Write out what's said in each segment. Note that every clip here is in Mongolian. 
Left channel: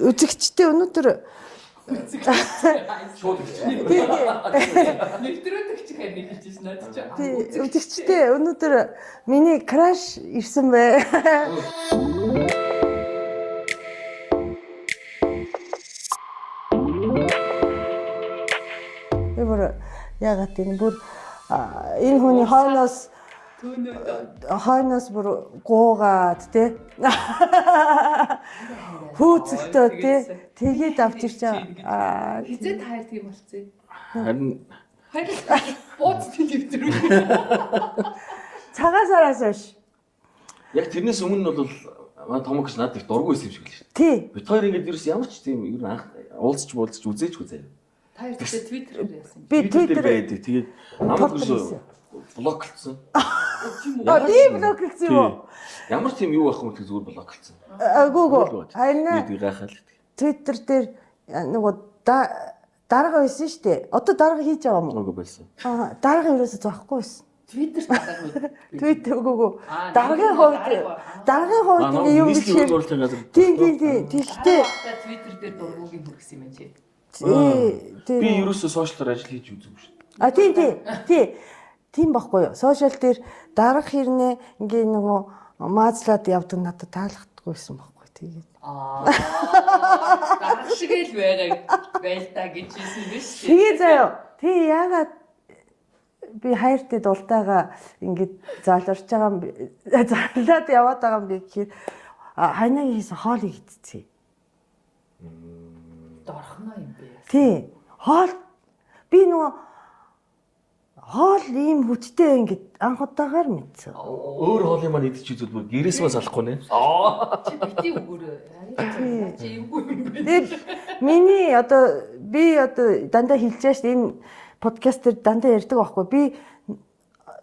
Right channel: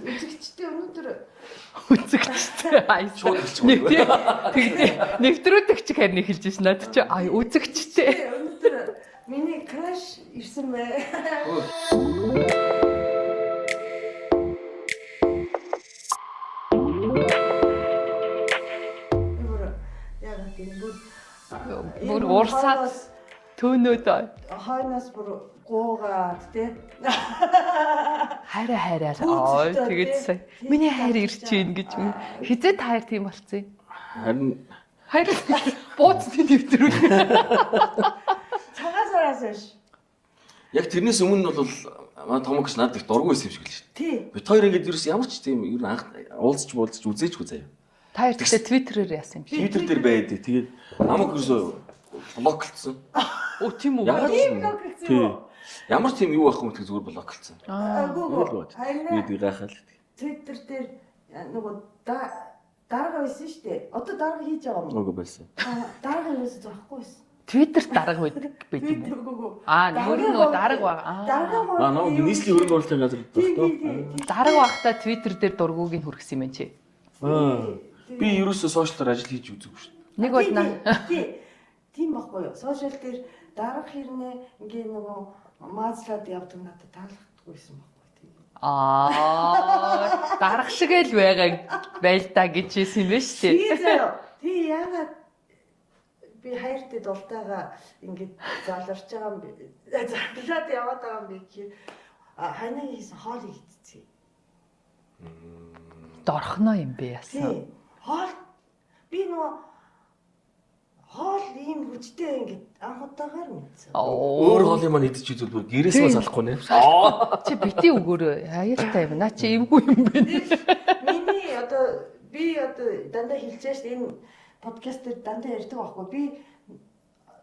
үзэгчтэй өнөөдөр Нэвтрүүлэгч хэрний хэлж ирсэн надад чи үзэгчтэй өнөөдөр миний краш ирсэн бай. Эвэр ягаад тийм бүр энэ хүн хоолоос төөнөөд хойноос бүр гуугаад тий хайраа пүүцэлтэй тий миний хайр ирж чинь гэж хизээ хайр тийм болцсон. Харин хайр бууцны нэвтрүүлэг. Цагаасараас биш. Яг тэрнээс өмнө бол манай томогч надад их дургүй байсан юм шиг л шүү дээ. Тий. Бид хоёр ингэж ерөөс ямар ч тийм ер нь анх уулзч үзээчгүй заяа. Та хоёртай твиттерээр яасан юм. Твиттер дээр байдаг. Тэгээд намайг ерөөсөө блоклцсон. Тийм үү? Тийм блок гэсэн үү? Ямар тийм юу байх юм тэг зүгээр блоклцсон. Агуу. Харин бид гайхаад. Твиттер дээр нөгөө дарга байсан шүү дээ. Одоо дарга хийж байгаа юм уу? Үгүй байсан. Дарга ерөөсөө зоохгүй байсан. Твиттер дарга байдаг. Твиттер үгүй. Дарга ба. Даргын хувьд юу нийслэлийн үйл явдлын газар. Тийм. Дарга багтаа твиттер дээр дургуугийн хүргэсэн юм байна чи. Би ерөөсөө сошиалаар ажил хийж үзээгүй шүү. Тийм байхгүй юу? Сошиал дээр дарга хэрнээ ингээ нөгөө маазлаад явдаг надад таалагддаггүйсэн байхгүй тэгээд. Дарга шиг л байл та гэж хэлсэн юм байна шүү дээ. Тэгээ заяа. Тий яагаад би хайртай дултайгаа ингээд залуурч байгаа юм зарлаад яваад байгаа юм бэ гэхээр хайнагийн хийсэн хоолыг идчихье. Дорхно юм бэ яасан. Тий. Хоол би нөгөө хоол ийм хүчтэй ингээд анх удаагаар мэдсэн. Өөр хоолыг маань идэж үзвэл бүр гэрээс маа салахгүй нэ. Чи бити өгөөрөө аюултай юм. Наа чи эмгүй юм бэ. Би одоо дандаа хэлж байгаа шүү дээ. Энэ подкаст дээр дандаа ярьдаг байхгүй. Би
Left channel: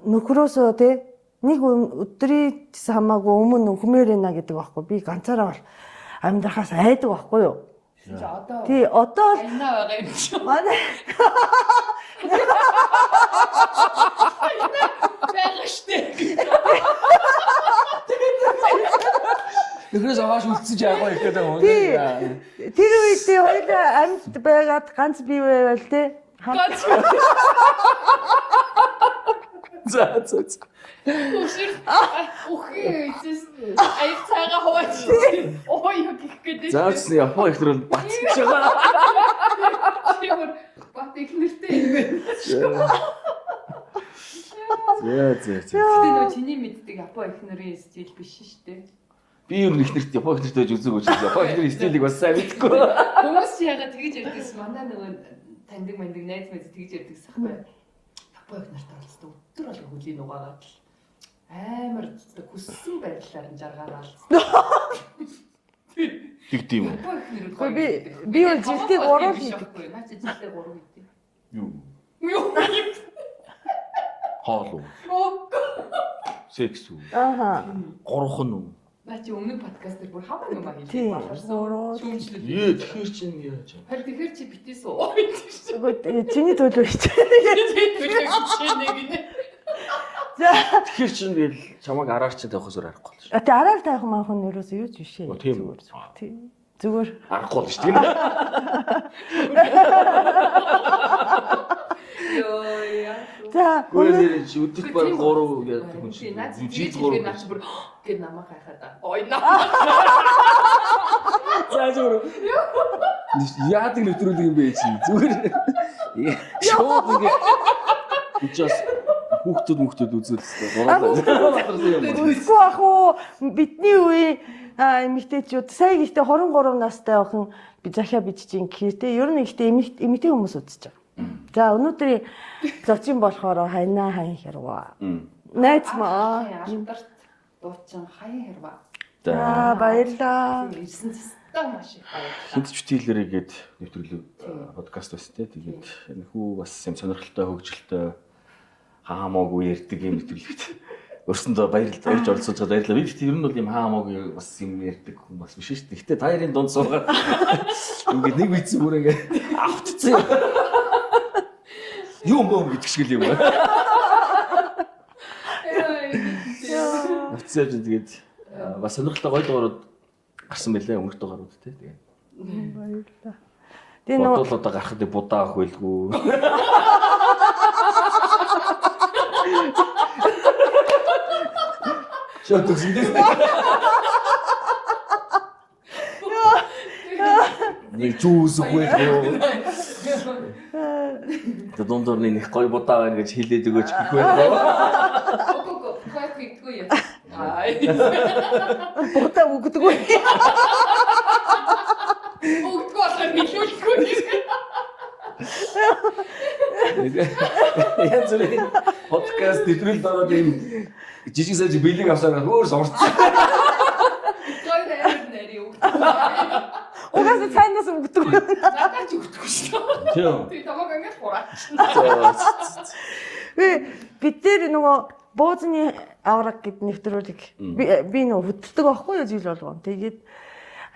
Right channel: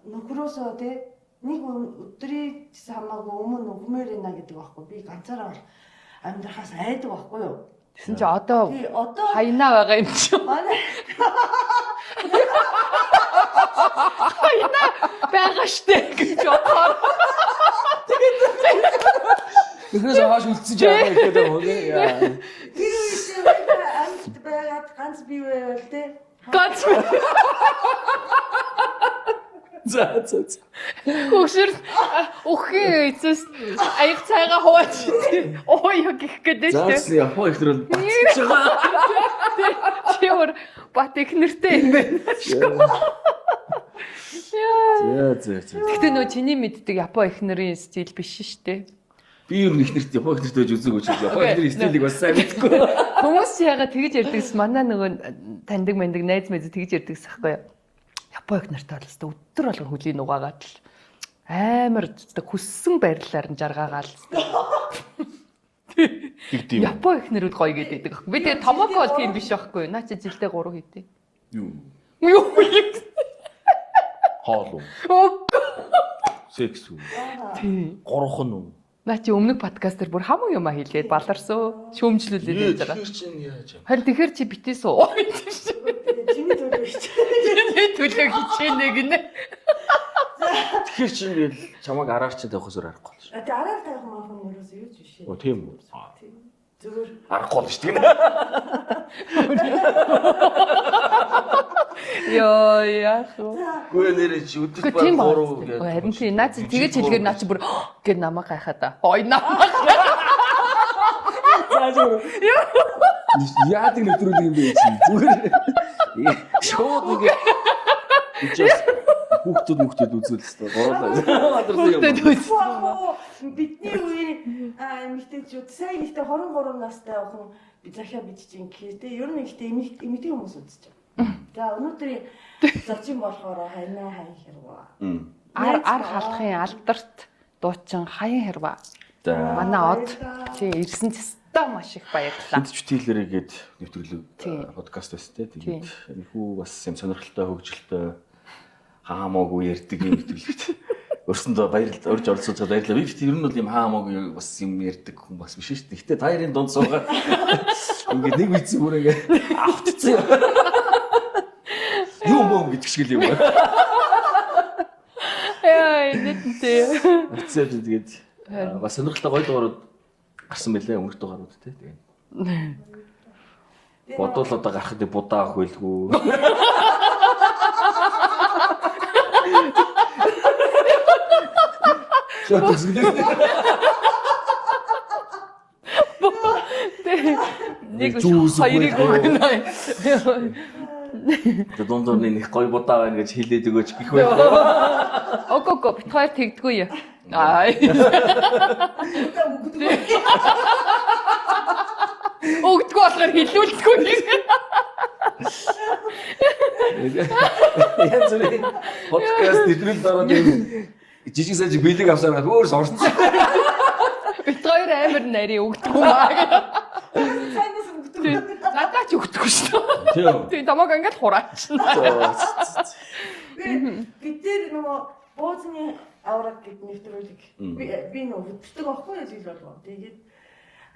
нөхрөөсөө тий нэг өдрийн хамаагүй өмнө хүмээрэнэ гэдэг байхгүй. Би ганцаараа бол амьдрахаас айдаг байхгүй юу? Тэгсэн чи одоо хайнаа байгаа юм чи. Манай хайнаа байгаа штэ гэж бодоо. Нөхрөөс хаш үлдсэн жаагаа ихэд байна. Тэр үедээ хоёул амьд байгаад ганц бий байвал тий. Ганц. За. Өшөр өхөө эцэс аяг цайгаа хувааж. Ой гэх гэдэг. Заасны япон ихнэр бол бацж байгаа. Чимэр бат ихнэртэй юм байна. Гэтэ нөө чиний мэддэг япон ихнэрийн стил биш шүү дээ. Би ер нь ихнэрт япон ихнэртэй үзээгүй ч япон ихнэрийн стилийг бас сайн мэдгүй. Хүмүүс яагаад тэгж ярьдагс манай нөгөө таньдаг мэндэг найз мэдээ тэгж ярьдагс ахгүй юу? Япон ихнэртэй бол өдөр болгон хөлийн угаагаад л амар хүссэн байрлалаар нь жаргаагаал. Тэгдэм. Япон ихнэрүүд гоё гэдэг. Би тэгээ томоо бол тийм биш байхгүй юу? Наа чи жилдээ 3 хийдэ. Юу? Хоол уу? Секс үү? Гурван уу? Наа чи өмнөх подкаст дээр бүр хамаг юм хэлээд баларсан. Шүүмжлүүлээд байгаа. Тэгэхээр чинь яаж юм? Харин тэгэхээр чи битээс уу? Чиний төлөв хийчих. Төлөв хичээнэ гинэ. Тэгэхээр чинь тэгэл чамайг араар чинь тавих усаар арахгүй л шүү. Тэ араар тавих маань юурээс юу ч биш ээ. Тийм үү? Зүгээр арахгүй л шүү тийм. Яа. Гүн нэрээ чи өдөрт баг 3 гэдэг. Харин чи наа чи тэгэж хэлэхээр наа чи бүр гэд намайг хайхаа да. Ой намайг. Заажгүй. Яадаг нэвтрүүлэг юм бэ чи? Зүгээр. Шууд ингэ. Just хүүхдүүд үзүүлсэн. Гурлаа. Ах уу бидний үеийн эмэгтэйчүүд сая гэхдээ 23 настай охин би захиа бичиж гэхээр те ер нь ихтэй эмэгтэй хүмүүс үзэж байгаа. За өнөөдрийн зочин болохоор хайнаа хайн хэрваа. Найз маахын алдарт дуучин хаян хэрваа. Манай од. Тийм ирсэн теста маш их баярлалаа. Сэтгүүлээрээ гээд нэвтрүүлэг подкаст байсан те. Тэгээд хүү бас юм сонирхолтой хөгжилтэй хаамаагүй ярьдаг юм нэвтрүүлэгт. Өөрсөндөө баярлалаа. Урьж оролцож байгаа баярлалаа. Би гэхдээ ер нь бол юм хаамаагүй бас юм ярьдаг хүн бас биш шүү дээ. Гэтэ таарын дунд суугаад ингээд нэг үйцэн бүр ингээд автцсан. Юу бом гэдэг шиг юм байна. Яа, энэ Автцсан тэгээд бас сонирхолтой гоё дугаарууд гарсан байлаа өмнөх дугаарууд те. Тэгээд Тэгээ Бодвол одоо гарахад будаа авах байлгүй. Шот үзмдээ. Нэг жуус өгөхгүй. Дундуур нэг гоё будаа байна гэж хэлээд өгөөч гэх байхгүй. Ого бит хоёр тэгдэггүй яа. Аа. бүгдээ өгдөггүй. Өгдөггүй болохоор хэлүүлдэггүй. Янз бүрийн подкаст нэвтрүүлэлт ороод юм жижиг сажиг бэлэг авсаар хөөрс орцсон. Бит хоёр амар нари өгдөггүй. Угаасаа цаанаас өгдөггүй. Задаач өгдөггүй шүү дээ. Тийм. Тэг тамаг ингээд хураач. Бид дээр нөгөө боозны авраг гэд нэвтрүүлэг би нөгөө хөдөлдөг байхгүй юу жил болгоо. Тэгээд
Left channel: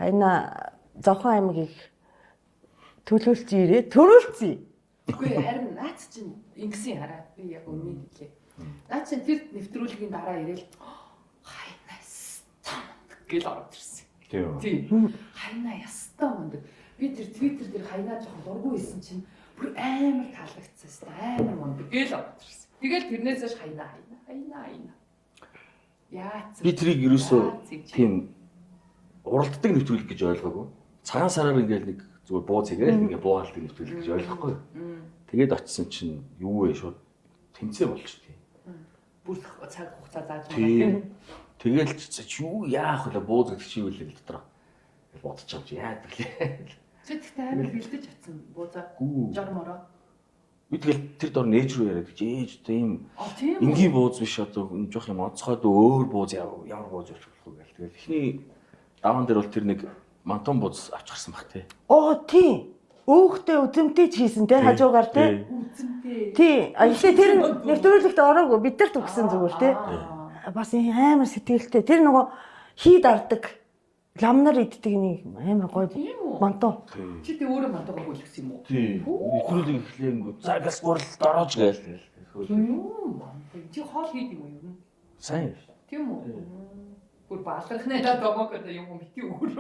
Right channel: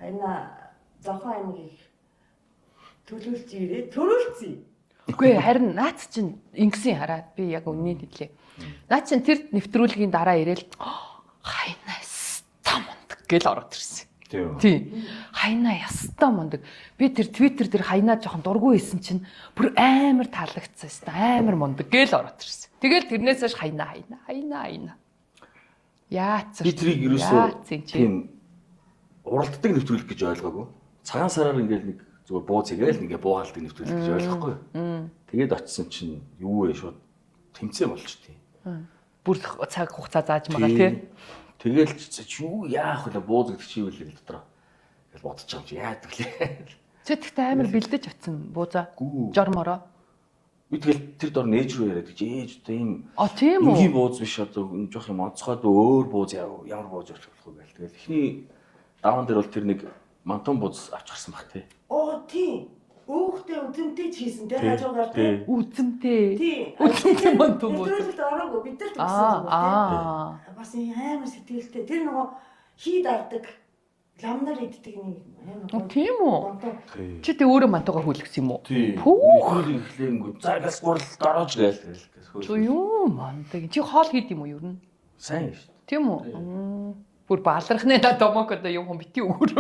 хайна Зовхон аймгийг төрүүлцээ. Үгүй харин наац чинь ингэсэн хараад би яг үнний хэлээ. Наац чинь тэр нэвтрүүлгийн дараа ирээл хайна ястаа мундаг гэл ороод ирсэн. Тийм. Хайна ястаа мундаг. Би тэр Twitter дээр хайнаа жоохон дургүй байсан чинь бүр амар таалагдсан юм. Амар мундаг гэл ороод ирсэн. Тэгэл тэрнээс хойш хайна. Яац. Би тэрийг ерөөсөө тийм уралддаг нэвтрүүлэг гэж ойлгоогүй. Цагаан сараар ингээл нэг зүгээр бууз игээл ингээ буугаалдаг нэвтрүүлэг гэж ойлгохгүй. Тэгээд очисон чинь юу вэ шууд тэмцээн болч тий. Бүр цаг хугацаа зааж байгаа тийм. Тэгэл юу яах вэ бууз гэдэг чи юу вэ дотроо. Тэгэл бодож байгаа юм чи яадаг лээ. Чи тэгтээ амар бэлдэж утсан буузаа. Гүү. Жормороо. Би тэгэл тэр дор нээж рүү яриад гэж ээж одоо ийм Тийм үү. энгийн бууз биш одоо жоох юм онцгойд өөр бууз ямар бууз явж болох вэ гэл. Тэгэл эхний даван дээр бол тэр нэг мантон бууз авч гарсан баг тий. Оо тий. Өөхтэй үзэмтэй ч хийсэн тий хажуугаар тий. Үзэмтэй. Тий. Тэр нэвтрүүлэгт ороогүй бид нар төгсөн зүгээр тий. Бас амар сэтгэлтэй. Тэр нөгөө хий дардаг ламнар иддэг нэг амар гоё. Тийм үү. Мантон. Чи тэг өөрөө мантугаа хүлгсэн юм уу? Тий. Нэвтрүүлэг эхлэнгүү. За газ гурал гараж гээл. Юу мантаг. Чи хоол хийд юм уу ер нь? Сайн шүү. Тийм үү? Бүр баалрахны домог одоо юм бити өөр.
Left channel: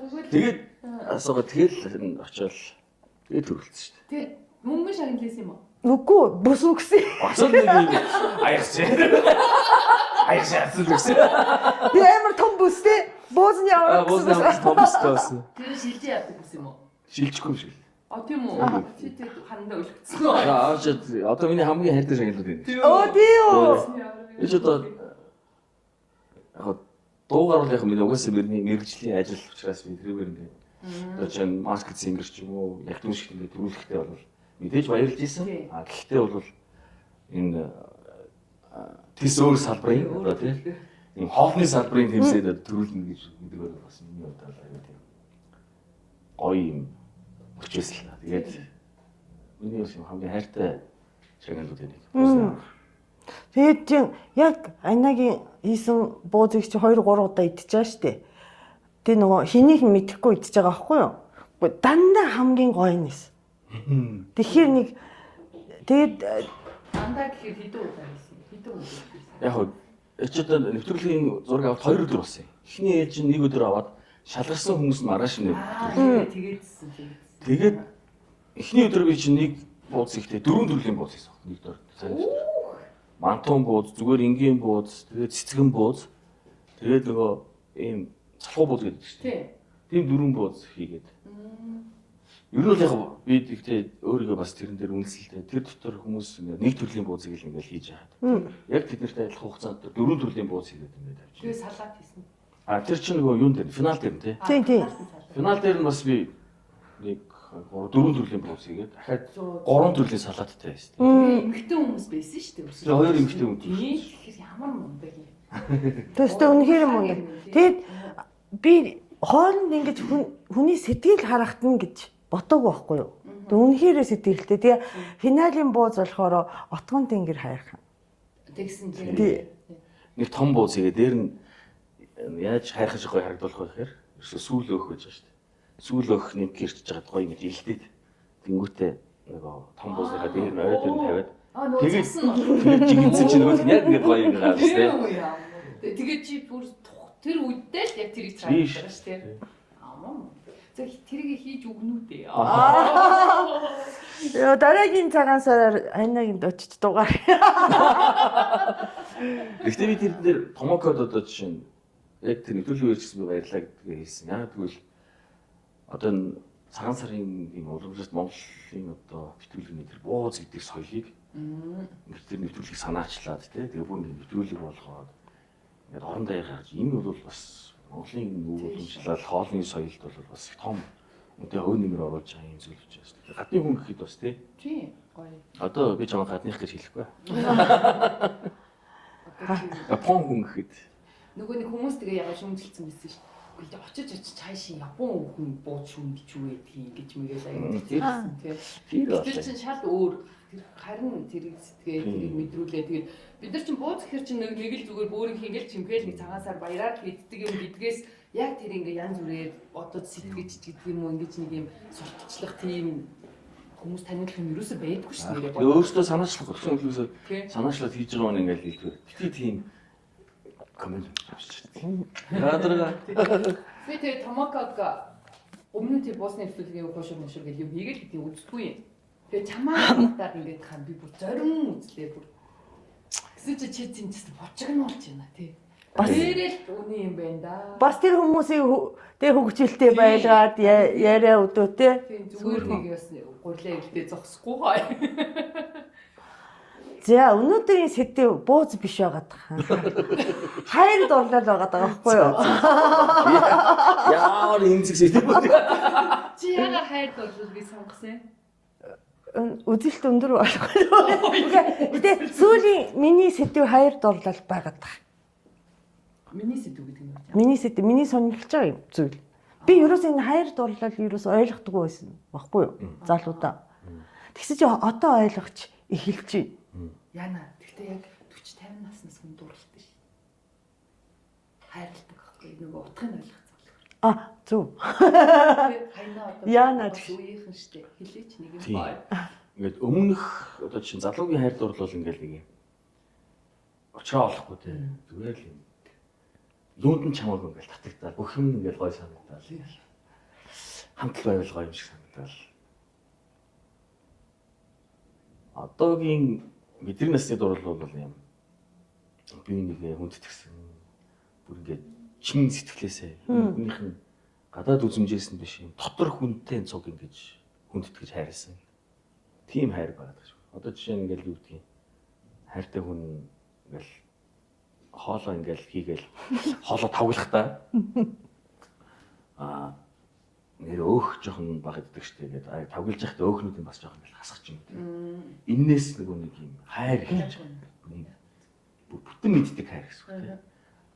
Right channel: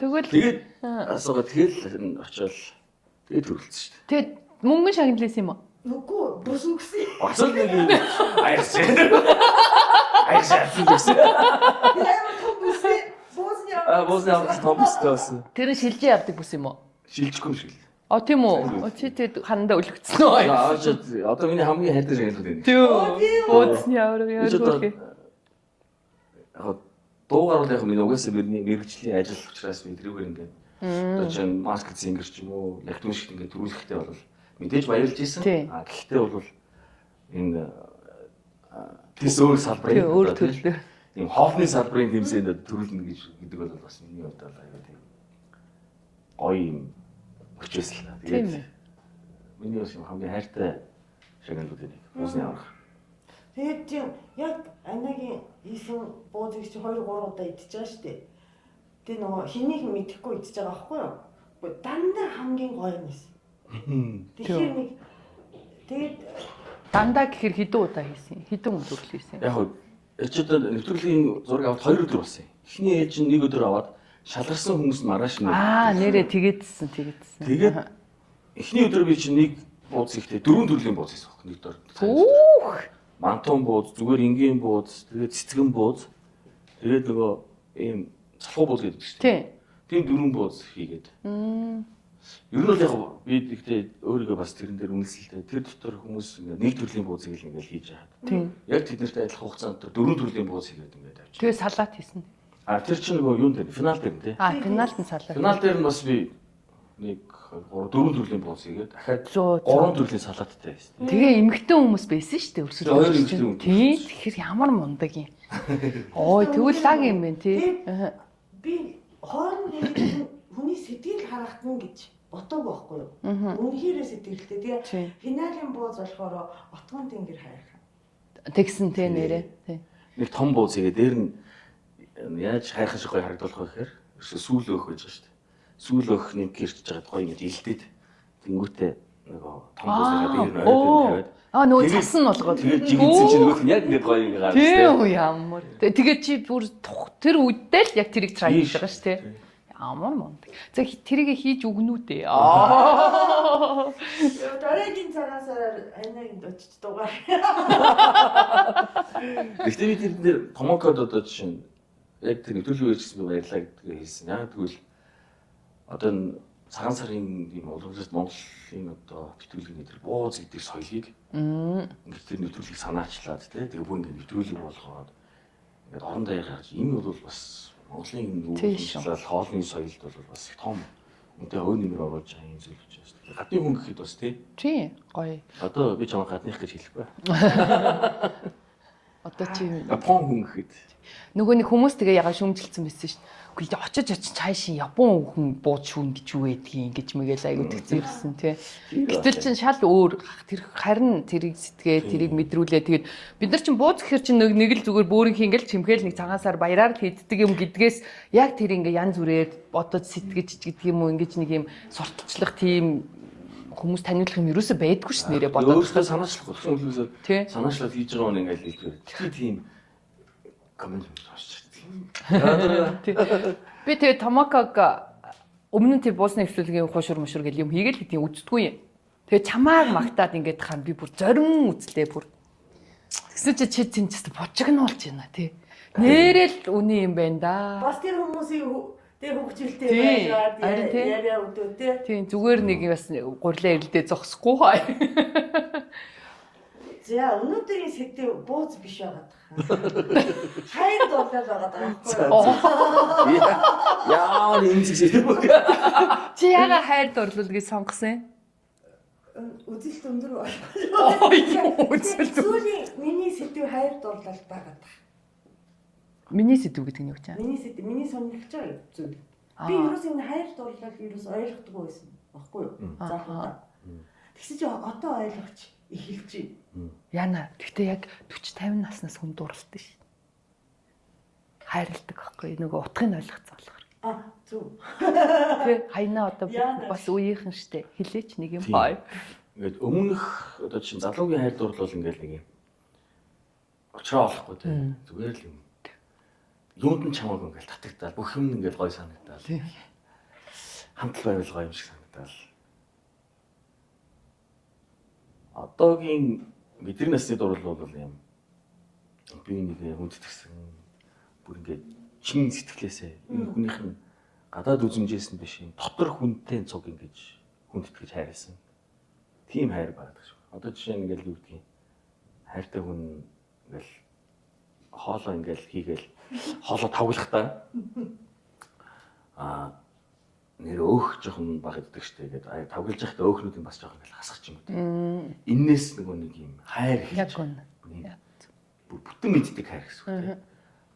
Тэгвэл Тэгээд асуугаа тэгэл очиод тэгээд төрүүлсэн шүү. тэгээд мөнгөн шагналсан юм уу? Үгүй бүс үгсэн. Асууд нэг аяарсан. Аяарсан гэсэн. Би амар том бүстэй. Боозны авраг. Боозны авраг томстой байсан. Тэр шилжээ явдаг бүс юм уу? Шилжихгүй шиг. Тийм үү? Чи тэгээд ханандаа өлөгдсөн үү? Одоо миний хамгийн хайртай шагнал байна. Оо тий үү. Боозны авраг яа. Яг дуугаар бол яг миний угаасаа миний мэрэгжлийн ажил учраас би тэрүүгээр ингээд одоо чинь маскет сингер ч юм уу яг түн шиг ингээд төрүүлэхтэй бол мэдээж баярлж ийсэн. Гэхдээ бол энэ тэс өөр салбарын өөр төлөв. ийм хоолны салбарын тэмцээнд төрүүлнэ гэдэг бол бас миний бодлоор аяа тийм гоё юм өчөөсөл. Тэгээд миний бас хамгийн хайртай шагналууд нэг уусна. Тэгээд тийм яг Айнагийн хийсэн буузыг чи 2 3 удаа идчихэж штэ. Тэ нөгөө хэнийг мэдэхгүй идчихэж байгаа байхгүй юу? Дандаа хамгийн гоё нэс. Тэгэхээр нэг тэгээд дандаа гэхэр хэдэн удаа хийсэн? Хэдэн өдөр хийсэн? Яг ч одоо нэвтрүүлгийн зураг аваад 2 өдөр болсон. Эхний ээлж нь 1 өдөр аваад шалгарсан хүмүүс нь маргааш нь. Нэрээ тэгээдсэн. Тэгээд эхний өдөр би чинь нэг бууз ихтэй 4 төрлийн бууз хийсэн. Нэг дор. Мантон бууз, зүгээр энгийн бууз, тэгээд цэцгэн бууз. Тэгээд нөгөө ийм салхуу бууз гэдэг чинь. Тийм 4 бууз хийгээд. Ер нь бол яг би тэгтээ өөрийгөө бас тэрэн дээр үнэлсэлтэй. Тэр дотор хүмүүс ингээд нэг төрлийн буузыг л ингээд хийж байгаа. Яг тэд нартай адилхан хугацаанд 4 төрлийн бууз хийгээд ингээд авчих. Тэгээ салат хийсэн. Тэр чинь нөгөө юун дээр финал дээр тий. Финалд нь салат. Финал дээр нь бас би нэг 4 төрлийн бууз хийгээд дахиад 3 төрлийн салаттай байсан. Тэгээ эмэгтэй хүмүүс байсан шүү дээ өрсөлдөж. Хоёр эмэгтэй хүн. Тий. Тэгэхээр ямар мундаг юм. тэгвэл лаг юм байна тий. Тэгээд би хоолнд ингэж хүний сэтгэл харагдана гэж ботоогүй байхгүй юу? Үнэхээр сэтгэлтэй. Тэгээ финалийн бууз болохоор отгон тэнгэр хайрхан. Тэгсэн тий нэрээ. Нэг том бууз хийгээд дээр нь яаж хайрхан шиг гоё харагдуулах вэ гэхээр сүүл өөх гэж байна шүү дээ. Сүүл өөх нэг гэрчж байгаа гоё юм илдээд тэнгүүтээ нөгөө том буусныхаа дээр нь ойд нь тавиад Нөгөө цасан болгоод. Тэгээд жигэнсэн чинь нөгөөх нь яг ингээд гоё юм гараад тийм ямар. Тэгээд чи бүр тэр үедээ л яг тэрийг try хийж байгаа шүү дээ. Амар мундаг. За тэрийг хийж өгнүү дээ. Яа дараагийн цагаан сараар анаагийн очиж дугаар. Гэхдээ би тэр дээр томокод одоо жишээ нь яг тэр нэвтрүүлгийн үеэр гэсэн баярлаа гэдгээ хэлсэн. Яг тэгвэл одоо цагаан сарын ийм уламжлалт Монголын одоо нэвтрүүлгийн тэр бууз гэдэг соёлыг ингээд тэр нэвтрүүлгийг санаачлаад тэгээ бүр ингээд нэвтрүүлэг болгоод ингээд орон даяар гарч энэ бол бас Монголын уламжлал хоолны соёлд бол бас их том үнэтэй өө нэмэр оруулж байгаа юм зүйл учраас. Гадны хүн гэхэд бас тий гоё. Одоо би чамаа гадных гэж хэлэхгүй. Одоо чи Япон хүн гэхэд нөгөө нэг хүмүүс тэгээ ягаа шүмжилсэн байсан шүү. Үгүй очиж цаашин Япон хүн бууд шүүн гэж юу гэдгийг ингэж мэгэл аяг тэгзэрсэн тий. Гэтэл чин шал өөр тэр харин тэрийг сэтгээ тэрийг мэдрүүлээ. Тэгээд бид нар чин бууз гэхэр чин нэг л зүгээр бөөрийнхээ ингээл чимхээл нэг цагаансаар баяраар хийддэг юм гэдгээс яг тэр ингээ янз бүрээр бодож сэтгэж гэдэг юм уу ингэж нэг юм сурталчлах тийм хүмүүс таниулах юм ерөөсөө байдгүй ш нэрээ бодож. Өөрөөсөө санаачлах гэсэн үгээс санаачлаад хийж байгаа нь ингээл хэлбэр. Тэгэхээр тийм комент авчих. Би тэгээ Томоког өмнө нь тэр буусны нэвтрүүлгийн хуушур мушур гэл юм хийгээл гэдгийг үздэггүй юм. Тэгээ чамаа магтаад ингээд хаа би бүр зорин үзлээ бүр. Гэсэн чи тэнцэст бочигнуулж байна тий. Нэрэл үний юм байна да. Бас тэр хүмүүсийн тэг хөгжилтэй байгаад яриа өдөө тий. Тийм зүгээр нэг бас гурлаа ирэлдээ зогсохгүй хаа. За өнөөдрийн сэдв бууз биш байгаад байгаа. Хайр дурлал байгаад байгаа байхгүй юу? Яа нэмсэг сэдв. Чи яга хайр дурлал гэж сонгосон юм? Үзэлт өндөр болохгүй. Сүүлийн миний сэдв хайр дурлал байгаад байгаа. Миний сэдв гэдэг нь юу гэж? Миний сэдв миний сонирхож байгаа юм зүйл. Би ерөөсөө энэ хайр дурлал ерөөсөө ойлгохгүй байсан баггүй юу? Залуудаа. Тэгсэн чи одоо ойлгоч эхэлж байна. Яна гэхдээ яг 40 50 наснаас хүн дурлалтай ш. Хайрладаг байхгүй нөгөө утгыг ойлгоцсон болохоор. Зөв. Тэ хайнаа одоо бас үеийнхэн штэ хилээч нэг юм бай. Ингээд өмнөх одоо чинь залуугийн хайр дурлал ингээл нэг юм. Очроо олохгүй тий. Зүгээр л юм. Юунд нь чамаагүй ингээл татагдаад бүх юм ингээл гой санагдаад. Хамтл байвал гоё юм шиг санагдаад. Одоогийн бидний насны дурлал бол юм. Би нэг хүндэтгсэн. Бүр ингээд чин сэтгэлээсээ хүнийх нь гадаад үзмжээс нь биш юм. Дотор хүнтэй цуг ингэж хүндэтгэж хайрласан. Тим хайр байгаа шүү. Одоо жишээ нь ингээл юу гэдгийг хайртай хүн ингээл хоолоо ингээл хийгээл хоолоо тавглахдаа нэр өөх жоохон баг иддэг штэ гэдэг. Тавгалж яхад өөхнүүд нь бас жоохон ингээл хасах юм. Иннээс нэг юм хайр хийж бүтэн мэддэг хайр гэсэн үг.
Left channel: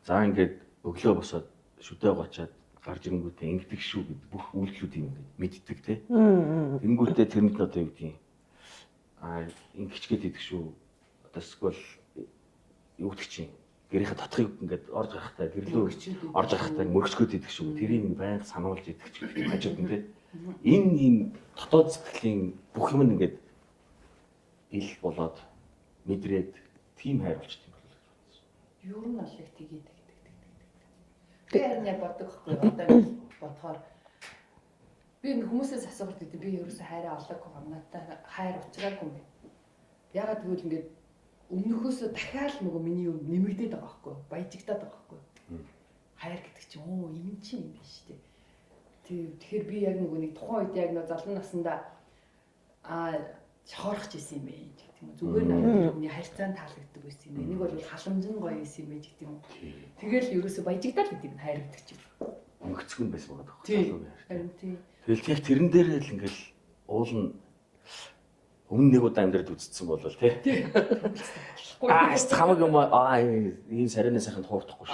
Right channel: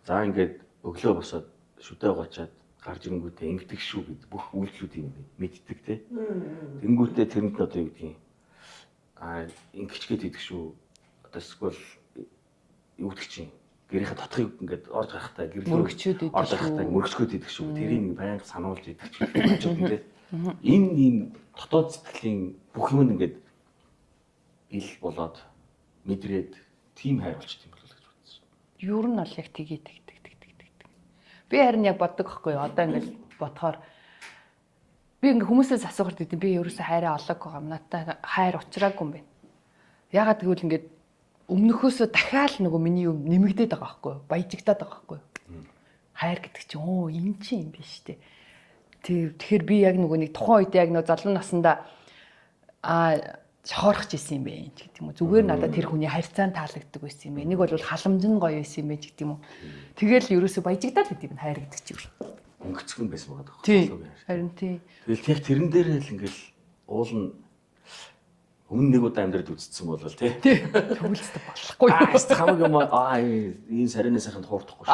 За ингээд өглөө босоод шүдээ гочоод гарч ирэнгүүтээ ингэдэг шүү гэдэг бүх үйлдэлүүдийг ингээд мэддэг те. Тэнгүүтээ тэрэнд нь одоо юу гэдгийг ингэчгээд идэх шүү. Одоо эсвэл юу гэдэг чинь гэрийнхээ дотхыг ингээд орж гарахтаа гэрлөө орж гарахтаа мөргөчгөөд идэх шүү. Тэрийг байнга сануулж идэх ч гэх юм хажууд нь те. Энэ ийм дотоод сэтгэлийн бүх юм ингээд ил болоод мэдрээд тим хайр болчих юм болов уу гэж бодсон. Юу нь бол яг тгээд. Би харин яг боддог байхгүй юу? Одоо ингээд бодохоор би ингээ хүмүүсээс асуухад гэдэг би ерөөсөө хайраа олоогүй юм. Надад хайр уучраагүй юм байна. Ягаад гэвэл ингээд өмнөхөөсөө дахиад нөгөө миний юм нэмэгдээд байгаа байхгүй юу? Баяжигдаад байгаа байхгүй юу? Хайр гэдэг чинь энэ чинь юм биш үү? Тэгэхээр би яг нөгөө нэг тухайн үед яг нөгөө залуу наснда шохорох гэсэн юм бэ гэдэг юм уу. Зүгээр надад тэр хүний харьцаан таалагддаг байсан юм бэ. Нэг бол халамж нь гоё байсан юм бэ гэдэг юм уу. Тэгэл ерөөсөө баяжигдаад гэдэг нь хайр гэдэг чинь. Өнгөцгөн байсан байгаа даа. Харин тий. Тэгэл яг тэрэн дээр л ингээл уул нь өмнө нэг удаа амьдраад үзсэн болвол тий. Төвлөстэй болохгүй. Хамаг юм энэ сарины сайханд хуурдахгүй шүү.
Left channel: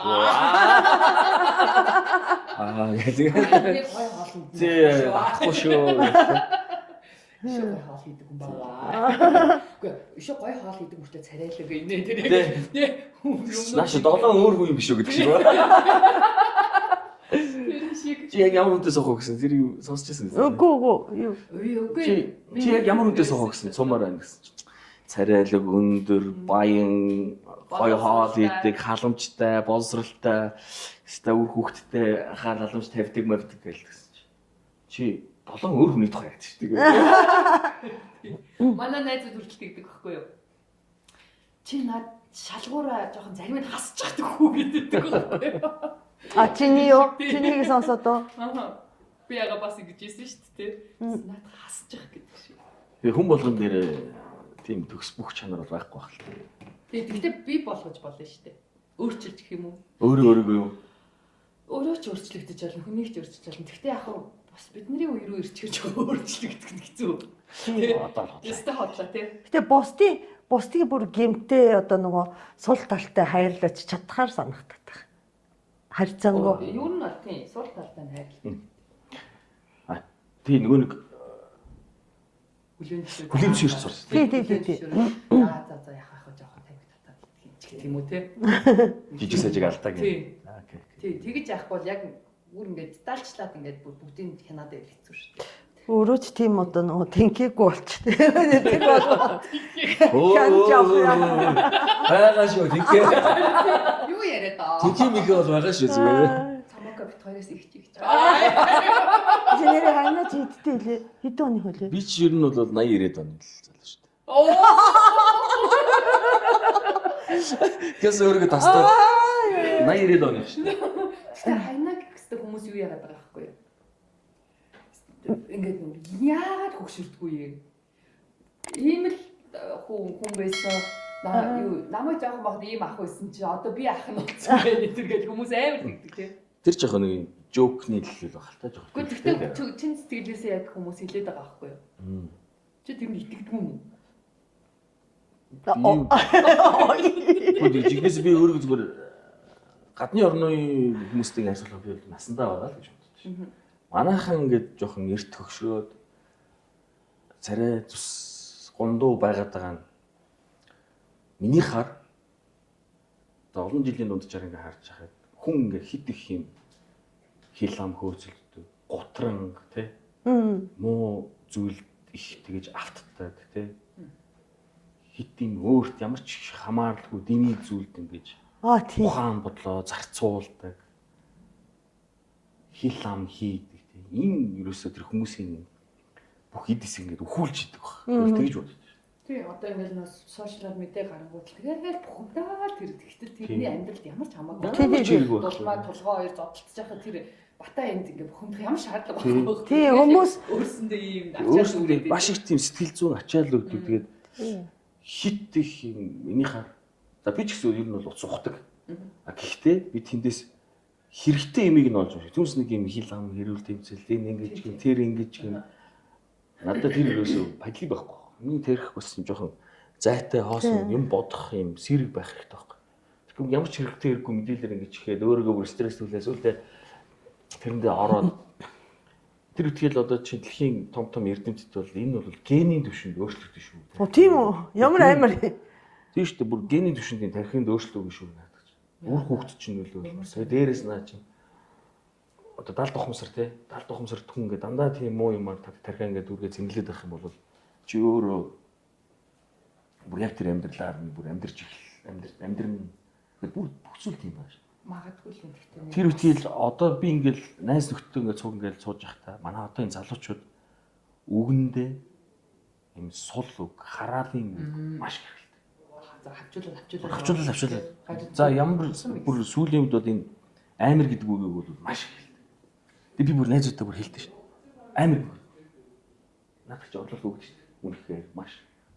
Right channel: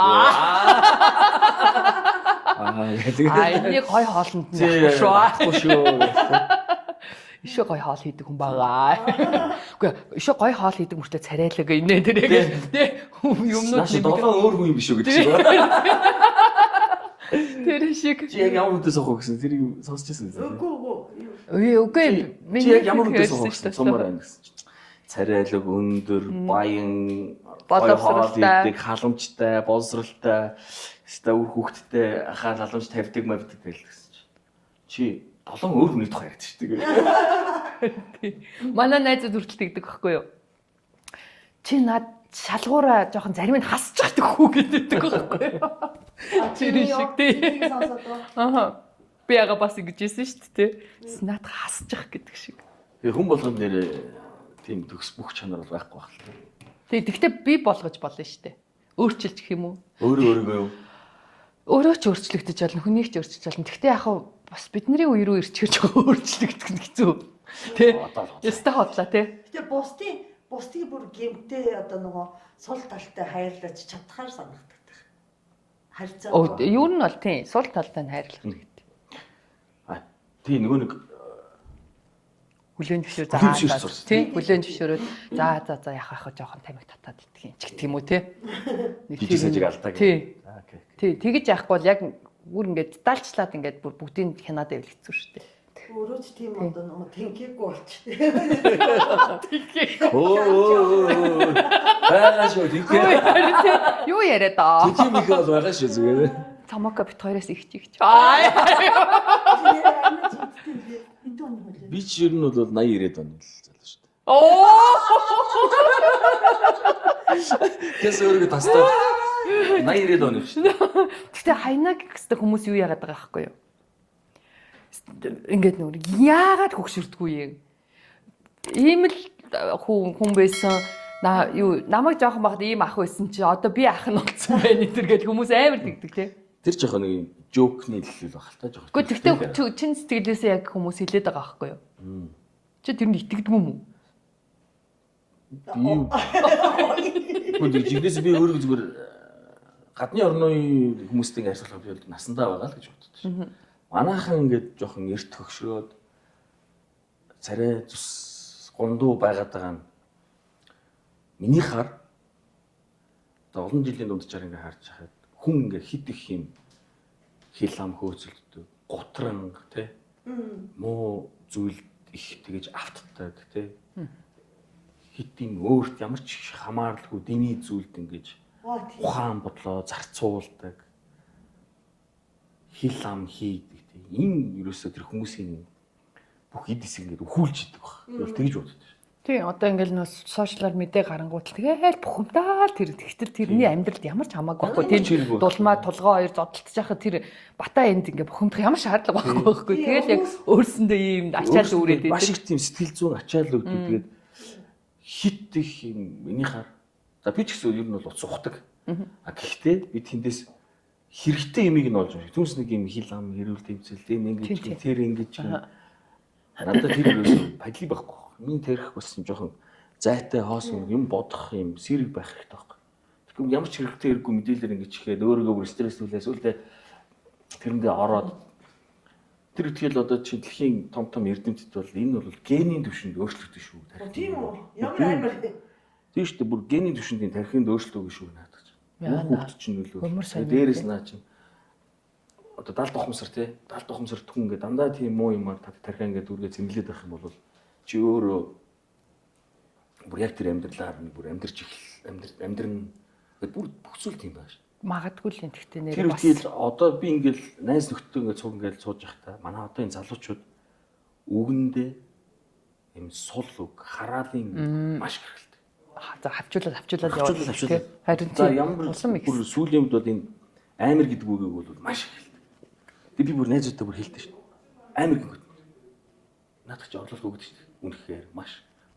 Нэг гой хоолнд нь байхгүй шүү. Ишээ гой хоол хийдэг хүн байгаа. Үгүй ишээ гой хоол хийдэг мөртөө царайлаг инээ тэр тий. Нааш долоон өөр хүн юм биш үү гэдэг шиг байна. Тэр шиг. Чи яг ямар хүнтэй сохоо гэсэн тэрийг сонсч байсан үү? Үгүй. Үгүй. Чи яг ямар хүнтэй сохоо гэсэн сумаар байна гэсэн. царайлаг өндөр, баян, гоё хоол идэг, халамжтай, боловсралтай, ста үр хүүхдтэй хаал халамж тавьдаг мавдаг байлгсан чи болон өөр хүний тухай ярьдаг шүү дээ. Манай найзууд хүртэл тэгдэг байхгүй юу? Чи над шалгуураа жоохон зарим нь хасч чаддаг хүү гэдэг байхгүй юу? А чи юу? Чиний сонсоод оо. Аа. Би яга бас ингэж хэлсэн шүү дээ. Над хасж ах гэдэг шиг. Тэгээ хүн болгон дээр тийм төгс бүх чанар бол байхгүй байх л. Тэгэхдээ би болгож болно шүү дээ. Өөрчилж гэх юм уу? Өөрийгөө юу? Өөрөө ч өөрчлөгдөж болно, хүнийг ч өөрчилж болно. Гэхдээ яг бас бидний үе рүү ирчихэж байгаа өөрчлөгдөх нь хэцүү. Тэ? Ястаа хотлаа тий. Гэтэ бусдыг бүр гэмтээ одоо нөгөө сул талтай хайрлаж чадхаар санагддаг. Харьцангуй. Юу нь бол тий, сул талтай нь хайрлах гэдэг. Тий нөгөө нэг хүлэн зөвшөөр. Хүлэн зөвшөөрч сурсан. Тий, хүлэн зөвшөөрөө. За яхах жоохон тамиг татаад идэх юм ч гэх юм уу тий. Жижиг сажиг алдаа гэх. Тий. Окей. Тий, тэгэж яахгүй бол яг бүр ингээд даалчлаад ингээд бүр бүгдийг хянаад байвал хэцүү шүү дээ. Өөрөө ч тийм одоо нөгөө тэнхээгүй болчтой. Оо. Байгаа шүү тийхээ. Юу яриад аа? Тийхээ михэ бол байгаа шүү зүгээр. Томоко бит хоёроос их чиг. Чиний хайнаа чидтэй лээ. Хэдэн оны хөлөө? Би ч ер нь бол 80 90-ад оны л залуу шүү дээ. Оо. Гэс өөрийгөө тастаа 80 90-ад оны шүү дээ. Гэхдээ хайнаа гэхстэй хүмүүс юу яагаад байгаа байхгүй юу? Ингээд нүр яагаад хөгшөрдгүй юм? Ийм л хүн байсан. Юу намайг жоохон багт ийм ах байсан чи одоо би ах нь болсон байна гэдэг хүмүүс амар тэгдэг тий. Тэр жоохон нэг жокны хэлэл байх л та жоохон. Гэхдээ чин сэтгэлээсээ яг хүмүүс хэлээд байгаа байхгүй юу? Чи тэр нь итгэдэг юм уу? Үгүй жигнэс би өөрөө зүгээр гадны орны хүмүүстэй харьцуулах би насандаа байгаа л гэж боддог. Манайхан ингээд жоохон эрт хөгшрөөд царай зүс гондуу байгаад байгаа нь миний хар олон жилийн дундчаар ингээд харж байхад хүн ингээд хит их юм хил ам хөөцөлддөг гутранг тий муу зүйл их тэгэж автдаг тий хитийн өөрт ямар ч хамааралгүй дэмий зүйлд ингэж Тийм. ухаан бодлоо зарцуулдаг хил ам хийдэг тий энэ ерөөсөө тэр хүмүүсийн бүх эдис ингээд өхүүлж идэг баг тэгэж боддог. Тий, одоо ингээл нөө сошиалар мэдээ гарангуутал тэгээл бухимдаа тэр тэгтэл тэрний амьдралд ямар ч хамаагүй. Тэр дулмаа тулгоо хоёр зодтолж яхад тэр бата энд ингээ бухимдах ямар шаардлага байхгүй. Тэгэл яг өөрсөндөө ийм ачаал үүрээд маш их тийм сэтгэл зүйн ачаал өгдөг. Тэгээд хит их юм миний хар. За би ч гэсэн ер нь бол уц ухдаг. А гэхдээ би тэндээс хэрэгтэй юмыг нь олж байгаа. Түнс нэг юм хил ам хэрүүл тэмцэл энэ ингэж тэр ингэж надад тэр ерөөсөө падли байхгүй. Миний тэрх бас юм жоохон зайтай хоосон юм бодох юм сэрэг байх хэрэгтэй байхгүй. Тэгэхээр ямар ч хэрэгтэй хэрэггүй мэдээлэл ингэж ихэд өөрийгөө бүр стресстүүлээс үлдээ тэрэндээ ороод тэр үтгэл одоо чи дэлхийн том эрдэмтэд бол энэ бол генийн түвшинд өөрчлөгдөн шүү. Тийм үү? Ямар аймар. Тийм шүү дээ бүр генийн түвшиндийн тархинд өөрчлөгдөн шүү надад. Үр хүүхд чинь нөлөө. Дээрээс наа чинь одоо 70 тухамсар тий 70 тухамсар хүн ингээд дандаа тийм муу юм тархиа ингээд үргээ зэмлээд байх юм бол чи өөрөө бүр яг тэр амьдралаар бүр амьдарч амьдрын гэдэг бүр бүхсүүл тийм байна шүү. Магадгүй л энэ тэгтээ нэр. Тэр үтгэл одоо би ингээл найз нөхдөд ингээд цуг ингээд сууж явахдаа манай одоо энэ залуучууд үгэндээ юм сул үг хараалын маш хэрэгтэй. За хавчуулаад. За ямар бүр сүүлийн үед бол энэ амир гэдэг үгийг бол маш их хэлдэг. Би бүр найзуудтай бүр хэлдэг шүү. Амир гэдэг. Надад ч орлуулалт өгдөг шүү. Үнэхээр маш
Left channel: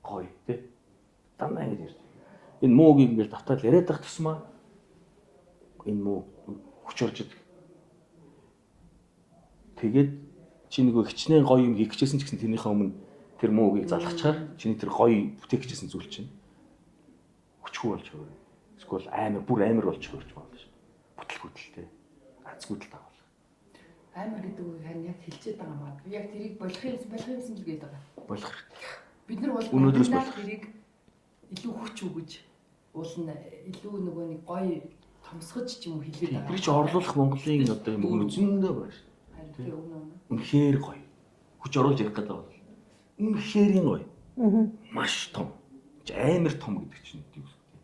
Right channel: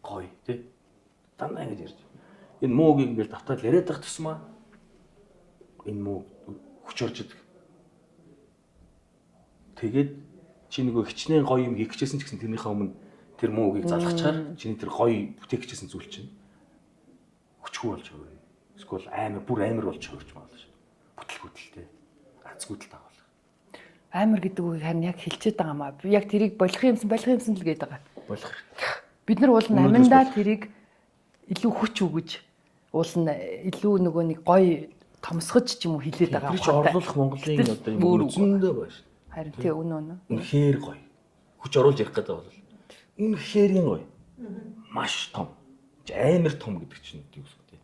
гоё тий. Дандаа ингэж ярьж. Энэ муугийг ингээл давтаад яриад байх тусмаа энэ муу хүч орж идэг. Тэгээд чи нөгөө хичнээн гоё юм хийх гэжсэн ч гэсэн тэрнийхээ өмнө тэр муугийг залгачаар чиний тэр гоё бүтээх гэжсэн зүйл чинь хүчгүй болж өгөө. Эсвэл бүр амар болж өгч байна шүү. Бүтлгүүдэлтэй. Азгүйдэл таавал. Амар гэдэг үгийг харин яг хэлчихэд байгаа маа. Би яг тэрийг болох юмсан л гээд байгаа. Болох хэрэгтэй. Бид нар уул намандаа тэрийг илүү хүч өгөж уул нь илүү нөгөө нэг гоё томсгож ч юм уу хэлээд байгаа. Тэр чинь орлуулах Монголын одоо юм үзэндээ байна шүү. Харин тий үнэ. Үнэхээр гоё. Хүч оруулж ярих гэдэг бол үнэхээр гоё. Маш том. амар том гэдэг чинь юу гэсэн үг.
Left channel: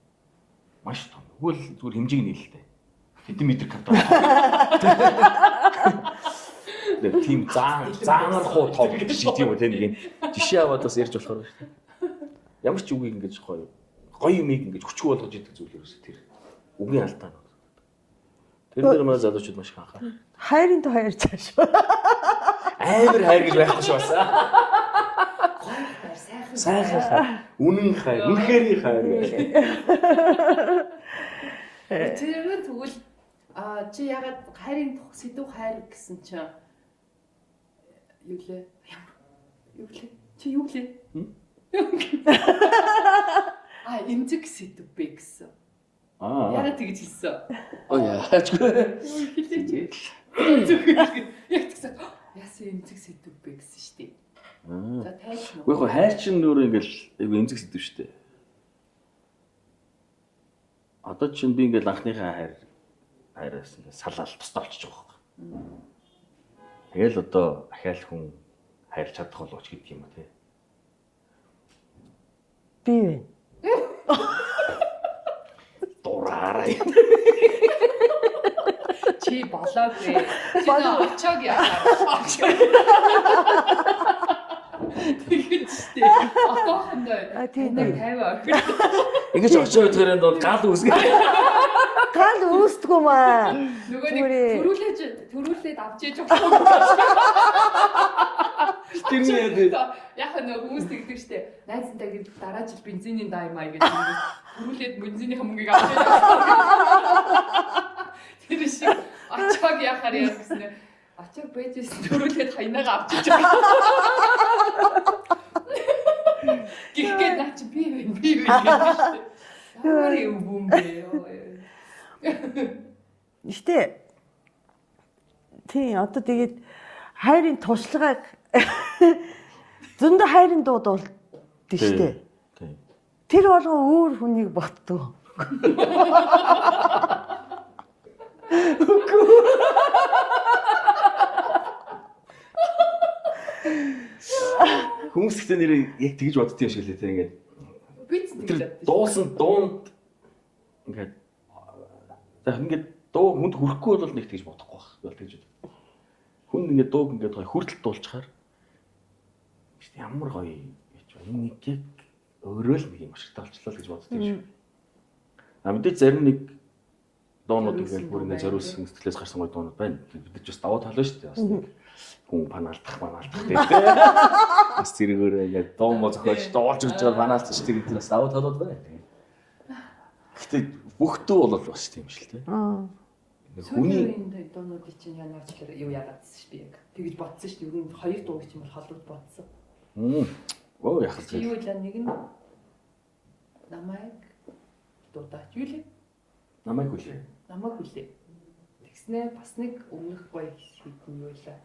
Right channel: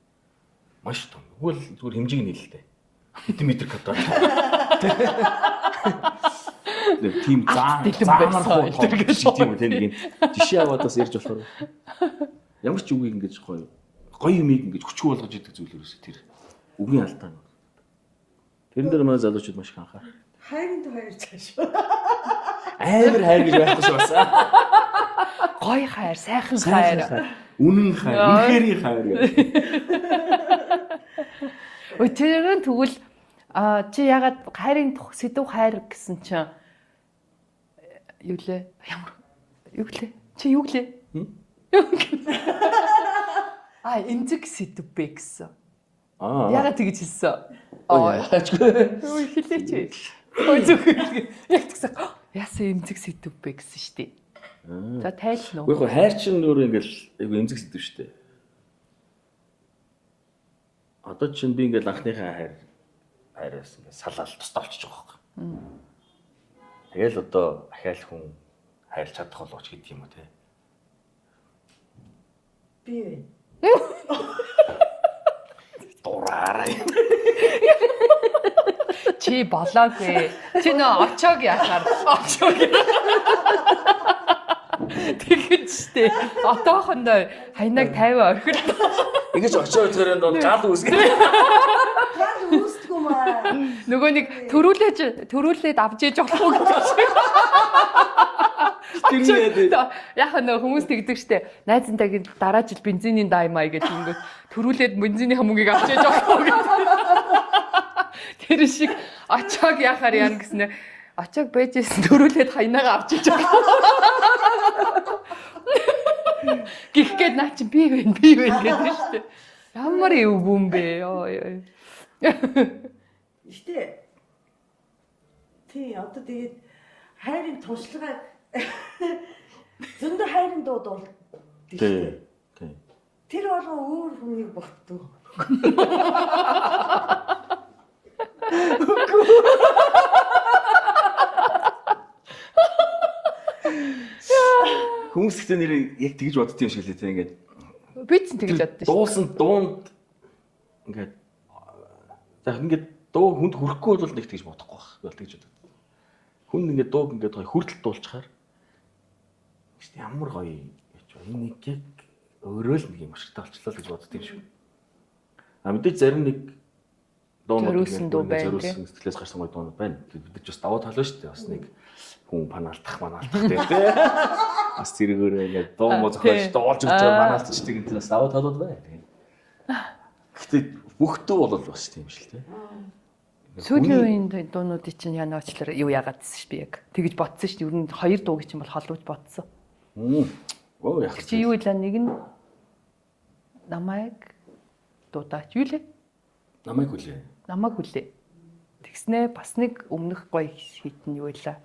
Маш том. Тэгвэл зүгээр хэмжээг нь хэлээ. Хэдэн метр квадрат. Тийм заанаар хуу том шиг тийм үү тийм жишээ аваад бас ярьж болохоор ямар ч үгийг ингэж гоё юмыг ингэж хүчгүй болгож идэг зүйл ерөөсөө тэр үгийн алдаа нь. Тэрэн дээр манай залуучууд маш их анхаарах. Хайрын то хайр цааш. Амар хайр гэж байхгүй шүү бас. Гой хайр, сайхан хайр. Үнэн хайр, үнэхэрийн хайр гэх. Өтөрөн тэгвэл чи ягаад хайрын сэдв хайр гэсэн чинь юу лээ? Ямар юу лээ? Чи юу лээ? Эмзэг сэдв бэ гэсэн. Ягаад тэгж хэлсэн? Яачгүй. Юу хэлээч. Яг тэгсэн. Яасан эмзэг сэдв бэ гэсэн шүү дээ. За тайлх нь. Гэхдээ хайр чинь өөрөө ингээл айгу эмзэг сэдв шүү дээ. Одоо чинь би ингээл анхныхаа хайраас ингээд салаал тусдаа болчихж байгаа байхгүй. Тэгэл одоо ахаал хүн хайрлах чадах болооч гэдэг юм уу те. Би вэ. Дураарай. Чи болоогүй. Чи нөө очоог яхаар. Тэгэж штэ. Отоохондоо таныг 50 орхир. Ингэж очоо төрөнд бол гал үүсгэн. Гал үүсдэггүй маа. Нөгөө нэг төрүүлээд авч ээж болохгүй гэж. Тэрнээ Яг нөгөө хүмүүс тэгдэг штэ. Найзантайг дараа жил бензиний даймаа гэж ингэж төрүүлээд бензиний хамуугийг авч ээж болохгүй. Тэр шиг очоог яхаар яана гэснээр очоог байжсэн төрүүлээд хаянаага авч ээж гихгээд наа чи би вэ гэдэг штэ. Ямар юу юм бэ? Гэтэ тий одоо тэгээд хайрын туршлагыг зөндөө хайрын дууд болд штэ. Тий. Тэр болгоо өөр хүнийг ботдог. Хүмүүс ихтэй нэр яг тэгж боддөг юм шиг лээ те ингээд. Би ч тэгж боддоо шүү. Дуусан дуунд ингээд за ингээд дуу хүнд хүрэхгүй бол нэг тэгж бодохгүй байх. Би бол тэгж боддог. Хүн ингээд дууг ингээд гоё хүртэл дуулчихаар ямар гоё гэж энэ нэг яг өөрөө л нэг юм ашигтай болчихлоо гэж боддөг юм шиг. А мэдээж зарим нэг дуунууд ингээд зориулсан сэтгэлээс гарсан гоё дуунууд байна. Бид ч бас даваа толно шүү дээ. Бас нэг хүн панаалтах тий. Бас зэрэгээрээ ингээд дуу мо зохиолч дуулж өгч байгаа панаалтчдаг гэдэг бас даваа толууд байна. Гэхдээ бүх дуу бол бас тийм шүү дээ. Сүүлийн үеийн дуунуудыг чинь яна очлоор юу яагаад гэсэн шүү би яг. Тэгж бодсон шүү. Ер нь хоёр дуу гэж юм бол холбож бодсон. Оо яах вэ? Чи юу илаа нэг нь намайг дуудаач юу лээ? Намайг хүлээ. Намайг хүлээ. Тэгснээ бас нэг өмнөх гоё хитэн юу илаа?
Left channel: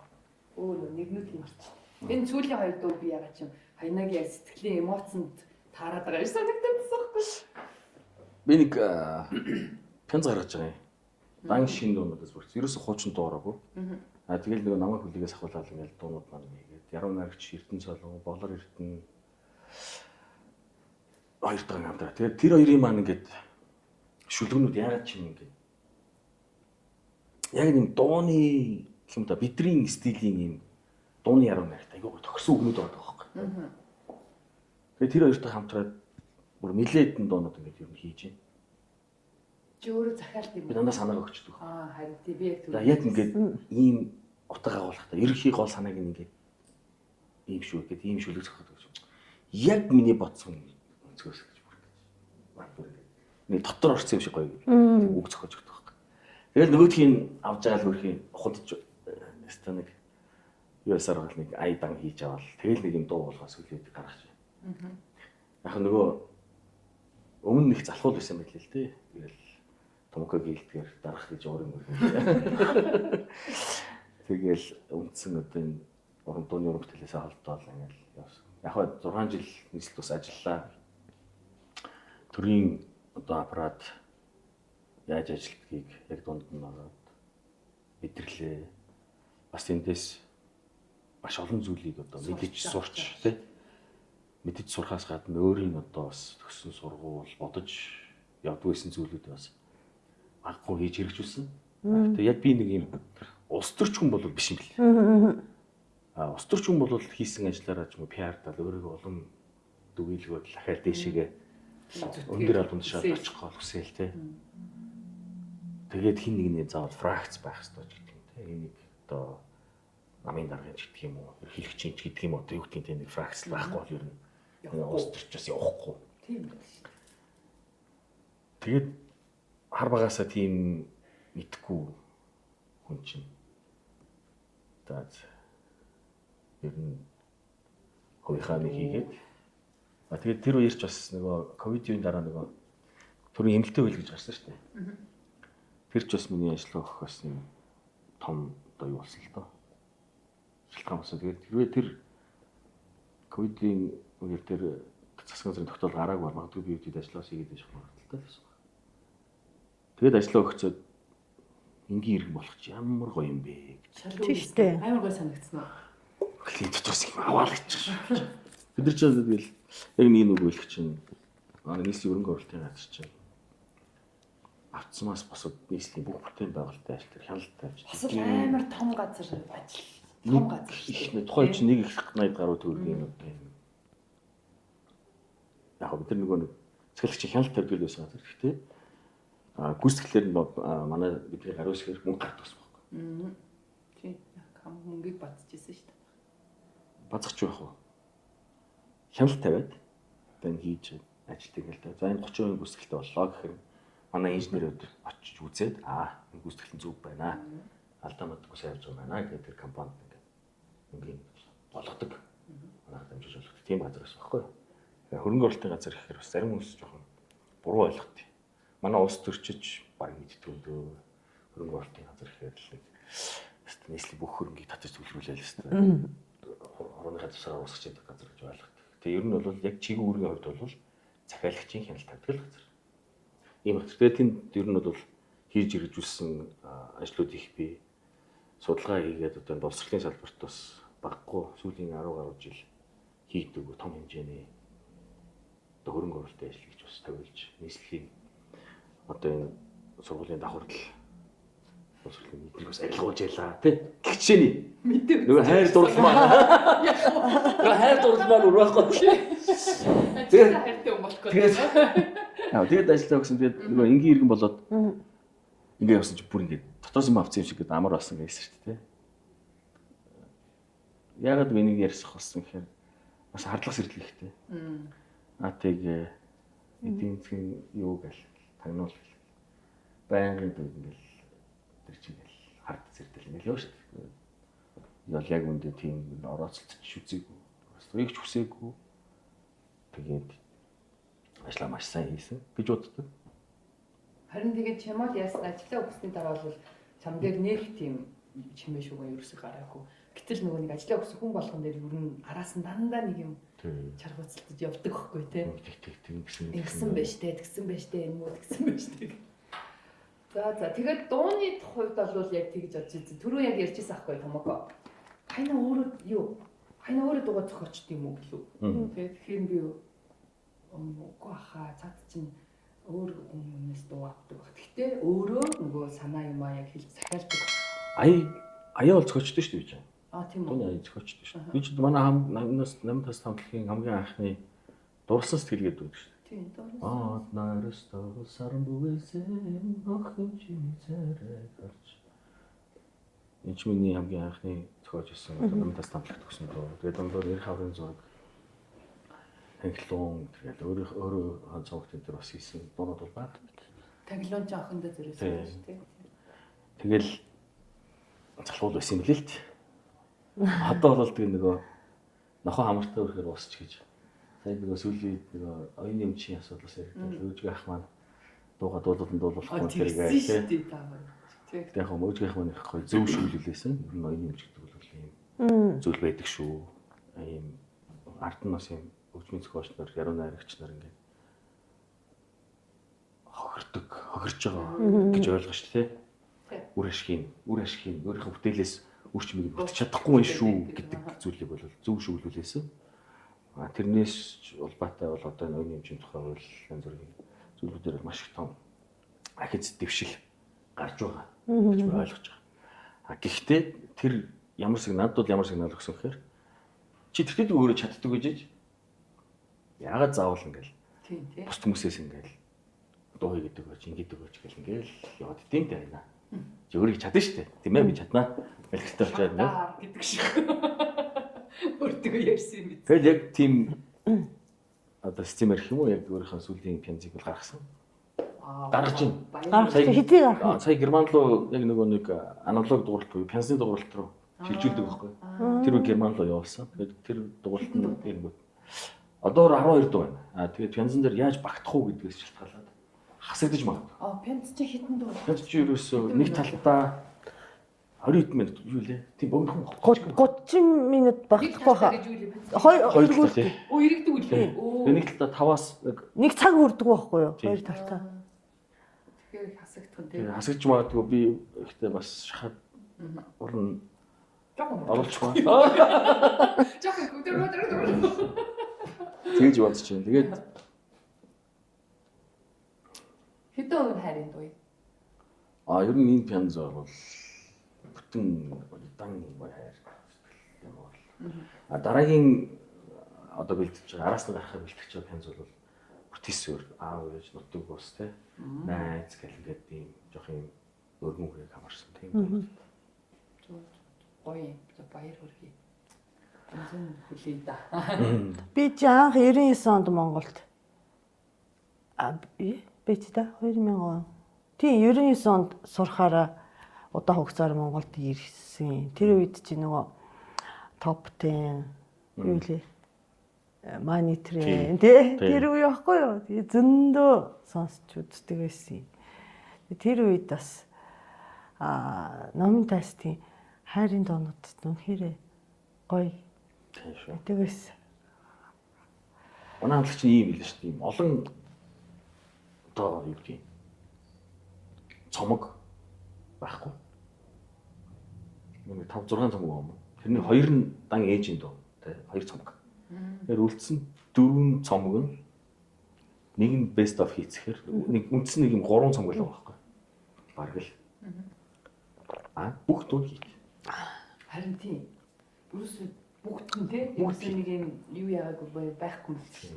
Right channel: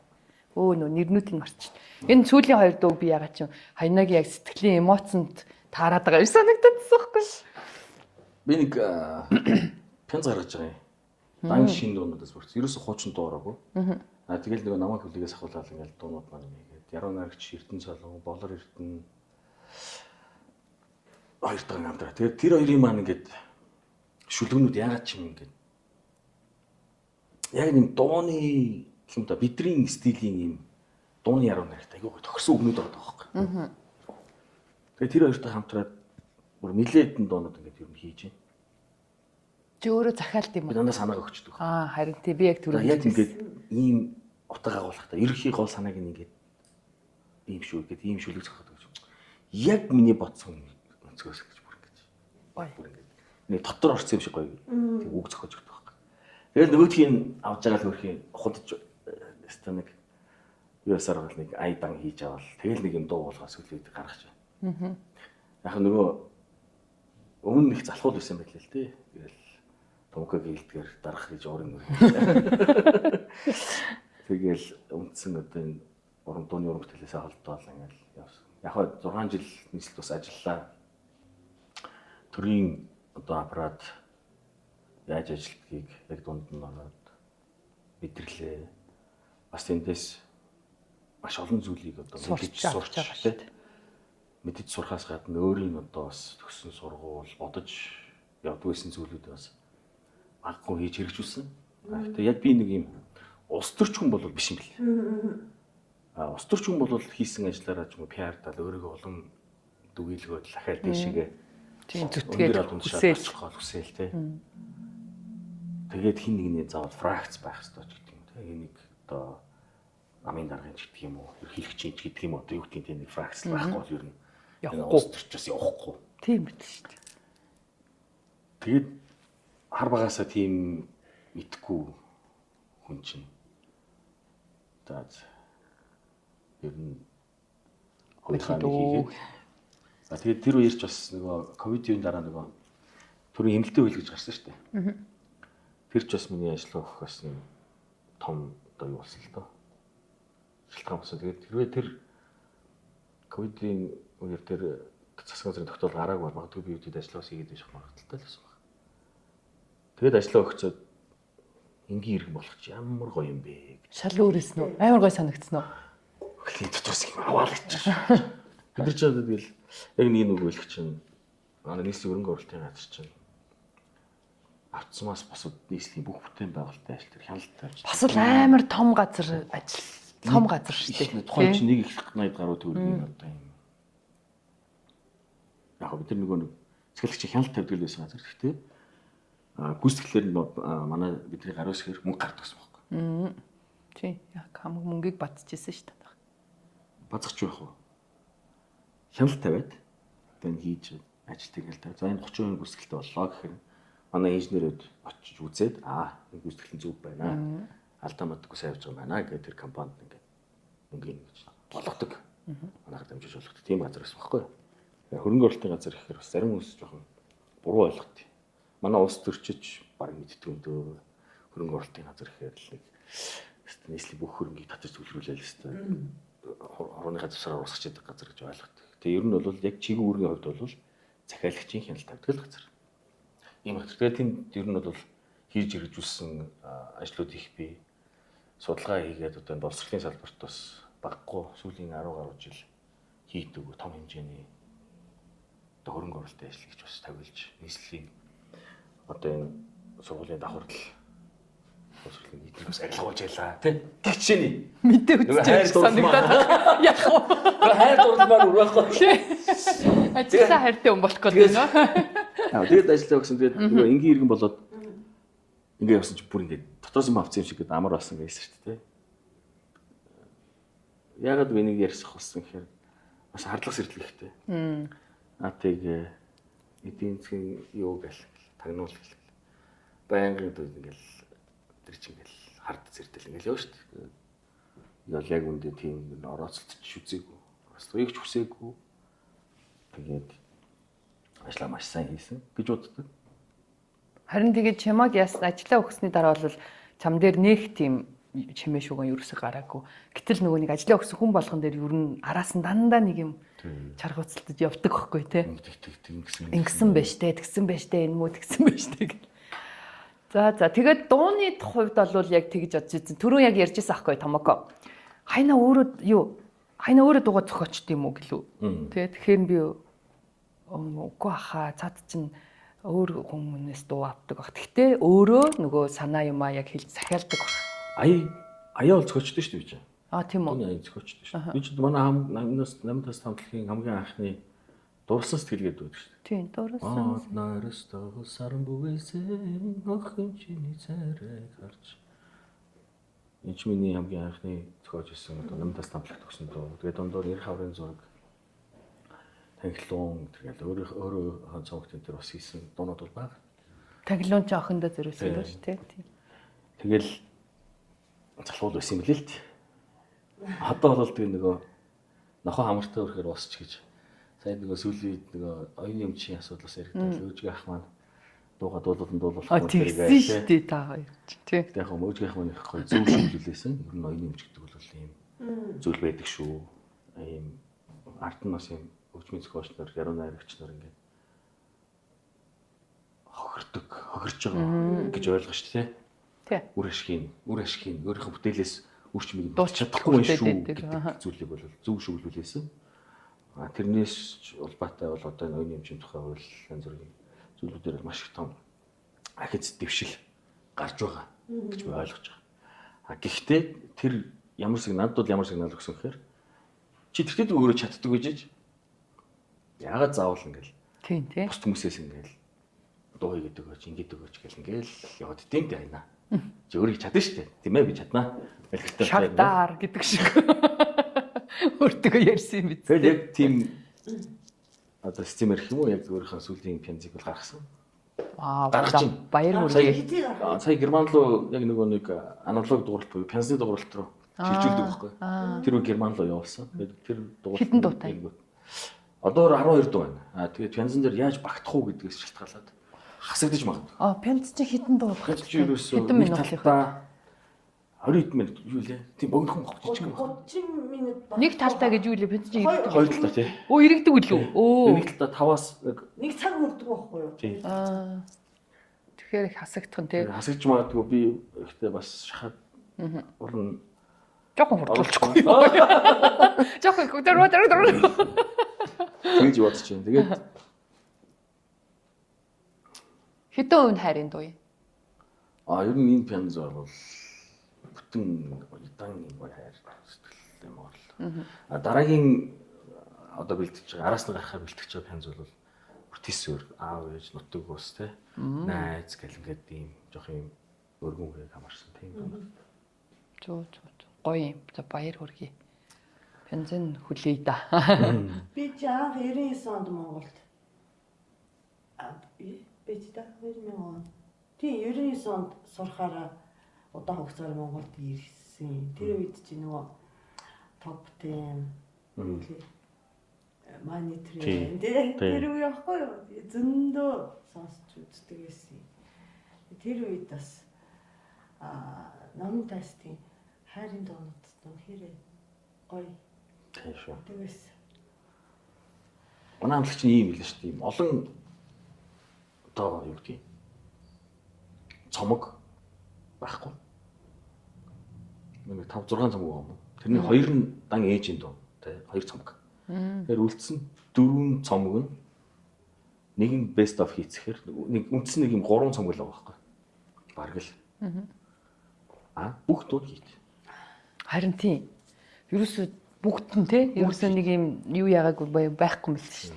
Нөө нэрнүүдийг марчих. Энэ сүүлийн хоёр дуу би ягаад чи хаянааг яг сэтгэлийн эмоцонд таарад байгаа юм санагдчихсан байхгүй. Би нэг пянз гаргаж байгаа юм. Дан шин дуунуудаас бүрч. Ерөөсө хуучин дуу ороогүй. Тэгэл нөгөө намайг хүлээгээс ахуулаад ингээл дуунууд маань ингээд яруу найрагч Эрдэнэ Солон, Болор Эрдэнэ хоёр дахь хамтраа. Тэгээд тэр хоёрын маань ингээд шүлгэнүүд яагаад ч юм ингээд яг нэг дууны юм да бидний стилийн юм дууны яруу найрагтай айгүй тохирсон өгнүүд байгаа байхгүй. Тэгээд тэр хоёр дахь хамтраад бүр нилээдэн дуунууд ингээд ер нь хийж байна. Чи өөрөө захиалт юм уу? Би дандаа санаа өгчдөг. Харин тий би яг түрүү. Яг ингээд ийм утга агуулгатай. Ерөнхий гол санааг ингээд ийм шүү гэдэг ийм шүлэг зохиод өгч. Яг миний бодсон өнцгөөс гэж бүр ингэж. Бүр ингээд. Нэг дотор орсон юм шиг гоё тийм үг зохиож өгдөг байхгүй. Тэгэл нөгөөдхийн авж байгаа л хөрхийн худаж өстө нэг юусаар бол нэг айдан хийж авал тэгэл нэг юм дуу болгоос үлээд гаргаж байна. Яг нөгөө өмнө их залхуул байсан байл л тий. Тэгэл Томког гэлдгээр дарах гэж уурын мөргөө. Тэгэл үндсэн одоо энэ уран дууны уран бүтээлээс холбоотол ингээл явсан. Яг хаа 6 жил нийслэл бас ажиллаа. Төрийн одоо аппарат яаж ажилтгийг яг дунд нь ороод мэдэрлээ. Бас эндээс маш олон зүйлийг одоо мэдэж сурч тий. мэдэж сурахаас гадна өөрийн одоо бас төгссөн сургууль бодож явдаг байсан зүйлүүд бас аггүй хийж хэрэгжүүлсэн. Гэхдээ яг би нэг юм улс төрч хүн бол биш юм бэл. Улс төрч хүн бол хийсэн ажиллаараа ч юм уу PR-даа өөрийгөө улам дүгийлгөөд дахиад дэшигээ өндөр албанд шалгах гол хүсэл те. Тэгээд хин нэгний заавал фракц байх хэрэгтэй ч гэдэг юм те. Энийг одоо намын даргын ч гэдэг юм уу, эрхлэгчийн ч гэдэг юм уу, одоо юу гэдэг тийм нэг фракц байхгүй бол ер нь улс төрчөөс явахгүй. Тийм байт шүү дээ. Тэгээд хар багасаа тийм итгэхгүй хүн чинь. Тэгээд ер нь хоёрхаа нэг хийгээд. Тэгээд тэр үеэр ч бас нөгөө ковидын дараа нөгөө төрийн эмнэлтэд хөл гэж гарсан шүү дээ. Тэр ч бас миний ажиллах бас нэг том одоо юу болсон л доо. Шилтгаан болсон. Тэгээд хэрвээ тэр ковидын үеэр тэр засгийн газрын тогтоол гараагүй бол магадгүй би үеид ажиллаж хийгээд байж магадaltaй л байсан баг. Тэгээд ажиллаа өгчөөд энгийн иргэн болох чи ямар гоё юм бэ гэж Шал өөрөөсөө амар гоё санагдсан уу? хөлийн дотроос юм аваад гэж. Бид нар ч тэгэл яг нэг үг хэлэх чинь нийслэлийн өрөнгө оруулалтын газар чинь автсамаас босод нийслэлийн бүх бүтээн байгуулалтын ажил төр хяналт тавьж. Бас л амар том газар ажил. Том газар шүү дээ. Тухайн чинь нэг их 80 гаруй төгрөгийн одоо юм. Яг бид нар нөгөө нэг цэцгэлэгчийн хяналт тавьдаг байсан газар. Гэхдээ гүйцэтгэлээр нь манай бидний гаруй усгээр мөнгө гардаг гэсэн байна. Тийм. Яг хамаг мөнгийг бадцчихсэн шүү дээ. Базгач байх уу? Хяналт тавиад одоо энэ хийж ажилтдаг л да. За энэ 30% гүйцэтгэлтэй боллоо гэхээр манай инженерүүд очиж үзээд энэ гүйцэтгэл нь зөв байна. Алдаа мадаггүй сайн явж байгаа байна гэдэг тэр компанид ингээд мөнгөний гэж болгодог. Манайхад дамжиж болгодог. Тийм газар байсан байхгүй юу? Хөрөнгө оруулалтын газар гэхээр бас зарим хүмүүс жоохон буруу ойлгодог. Манай улс төрчиж баг мэддэг юм дөө. Хөрөнгө оруулалтын газар гэхээр л нийслэлийн бүх хөрөнгийг татаж төлрүүлээл л хэвээр. Орныхаа засвараар усгаж яадаг газар гэж ойлгодог. Тэгээ ер нь бол яг чиглэл үүргийн хувьд бол захиалагчийн хяналт тавьдаг л газар. Ийм газар. Тэгээ тэнд ер нь бол хийж хэрэгжүүлсэн ажлууд их бий. Судалгаа хийгээд одоо боловсролын салбарт бас баггүй сүүлийн 10 гаруй жил хийдэг том хэмжээний одоо хөрөнгө оруулалтын ажил гэж бас тавилж нийслэлийн одоо энэ сургуулийн давхарлал боловсролын нийтлэг бас арилгуулж ялаа тий. Тэгчээний Мэдээ үү. нөгөө хайр дурлал маань нөгөө хайр дурлал маань үрвэхгүй. Ажиллаа хайртай хүн болох гэдэг нөө. Тэгээд ажиллаа өгсөн. Тэгээд нөгөө энгийн иргэн болоод ингээ явсан чи бүр ингээ дотоос юм авсан юм шиг гэдэг амар болсон гэсэн шүү дээ. Яагаад би энийг ярьсах болсон гэхээр бас хардлага сэрдлэг ихтэй. Тийг эдийн засгийн юу гэл тагнуул гэл. Байнгын дүүд ингээл тэр чинь ингээл хард зэрдэл ингээл яваа шүү дээ. Ял яг үндэ тийм орооцолт ч үзээгүй. Бас үеигч хүсээгүй. Тэгээд ажлаа маш сайн хийсэн гэж боддог. Харин тэгээд чамаг яасан ажиллаа өгсөний дараа бол чам дээр нэг тийм чимээ шуган ерөөсөй гараагүй. Гэтэл нөгөө нэг ажиллаа өгсөн хүн болгон дээр ер нь араас нь дандаа нэг юм чаргууцалтаж явдаг байхгүй тий. Ингэсэн байж тээ, тэгсэн байж тээ, энэ муу тэгсэн байж тээ гэх. За тэгээд дууны хувьд бол яг тэгж бодож ирсэн. Түрүү яг ярьжсэн аахгүй томоко. Хайна өөрөө дуугаа зохиочд юм уу гэлүү. Тэгэхээр би үгүй хаа цаад чинь өөр хүмүүнээс дуу авдаг баг. Гэхдээ өөрөө нөгөө санаа юмаа яг хэлж захиалдаг. Аяа бол зохиочд шүү дээ. Тийм үү. Аяа зохиочд шүү. Би ч манай намнаас 8-аас хамтлагийн хамгийн анхны дурсан сэтгэлгээд дүүд шүү дээ. Тийм, дурсан. Нарастаа саран бүгээсэн охин чиний царай гарч. Энд ч миний хамгийн анхны зохиож ирсэн 8-аас хамтлагт өгсөн дуу. Тэгээд дундуур Эр хаврын зураг Танхилуун тэгэл өөрөө цогтын дээр бас хийсэн дуунууд бол байгаа. Танхилуун ч охиндоо зөрөөсөн шүү дээ. Тэгэл залхуул байсан юм билээ л дээ. Одоо бол тэгээ нөгөө нохоо хамартай өрхөр босч гэж. Сайн нөгөө сүүлийн нөгөө оюуны өмчийн асуудлаас яригдал өөжгөө ах маань дууга дуулуулах хэрэгээ шүү дээ та хоёр. Тэг яг өөжгөө ах маань их гоё зөв шүүлүүлээсэн. Ер нь оюуны өмч гэдэг бол ийм зүйл байдаг шүү. Ийм ард нь бас ийм хөгжмийн зохиолч нар, яруу найрагч нар ингээд хохирж байгаа гэж ойлгож шүү дээ. Тий. Үр ашгийн өөрийнхөө бүтээлээс үрчмийг дууч чадахгүй байх шүү гэдэг зүйлийг бол зөв шүүлүүлээсэн. Тэрнээс улбаатай бол одоо энэ оюуны хэмжээний тухай хууль янз бүрийн зүйлүүдээр маш их том ахиц дэвшил гарч байгаа гэж би ойлгож байгаа. Гэхдээ тэр надад бол ямар сигнал өгсөн гэхээр чи тэртээ өөрөө чаддаг гэж яагаад заавал ингээл Тийм тийм. бус хүмүүсээс ингээл дуу хийгээд өгөөч, ингэдэг өгөөч гэл ингээл яваад тийм дээ айна. Чи өөрөө чадна шүү дээ. Тийм ээ би чаднаа. Хэлэхтэй байна. Шатаар гэдэг шиг. Өөртөө ярьсан юм биз. Тэгэл яг тийм одоо системэр гэх юм уу яг өөрийнхөө сүлийн пянзыг бол гаргасан. Гаргаж байна. Баяр Сая хитий гарах. Сая Герман руу яг нэг аналог дууралт буюу пянзны дууралт руу шилжүүлдэг байхгүй. Тэр үг Герман руу явуулсан. Тэгээд тэр дууралт нэг одоо 12 дуу байна. Тэгээд пянзан дээр яаж багтах уу гэдгээс шалтгаалаад хасагдаж магадгүй. Пянз чи хитэн дуу. Пянз чи ерөөсөө нэг талдаа 20 минут юу лээ? Тийм богинохон 30 минут баг. Нэг талдаа гэж юу лээ пянз чи? Хоёр талдаа тий. Оо иргэдэг үлээ. Оо. Нэг талдаа 5-аас Нэг цаг хүрдэг байхгүй юу? Тэгэхээр их хасагдах нь тий. Хасагдж магадгүй би ихтэй бас шахаад уран Жохон оруулахгүй. Жохон хөдөр. Тэгж бодож байна. Тэгээд Хэдэн үн хайрын дуу юм? ер нь энэ пянз бол бүтэн удаан хайр сэтгэлтэй юм бол. Дараагийн одоо бэлтгэж байгаа араас нь гарахаар бэлтгэж байгаа пянз бол бүтээсээр аав ээж нутаг ус те найз гэл ингээд ийм жоох юм өргөн хүрээ хамаарсан тийм. Зөө гоё юм. За баяр хүргэе. Пянзын хүлээе да. Би чи анх 99 онд Монголд би чи та 2000 он. Тийм 99 онд сурахаараа удаан хугацаар Монголд ирсэн. Тэр үед чи нөгөө топ 10 юу лээ Манитрийн тий тэр үе яахгүй юу? Зөндөө сонсч үздэг байсан. Тэр үед бас номын тестийн хайрын доонууд үнэхээр гоё. Тийм шүү. Тэгээс Манай хамтлагч нь ийм хэлсэн шүү дээ. Ийм олон одоо юу гэдгийг цомог байхгүй. Нэг 5 6 цомог юм. Тэрний хоёр нь дан ээжийн дуу тий хоёр цомог. Тэгэхээр үлдсэн 4 цомог нь нэг нь best of hits гэхээр нэг үндсэн нэг юм 3 цомог л байгаа байхгүй. Бараг л. Бүх дуу хит. Харин тийм. Ерөөсөө бүгд нь тий. Ерөөсөө нэг юм юу яагаагүй байхгүй юм л шүү.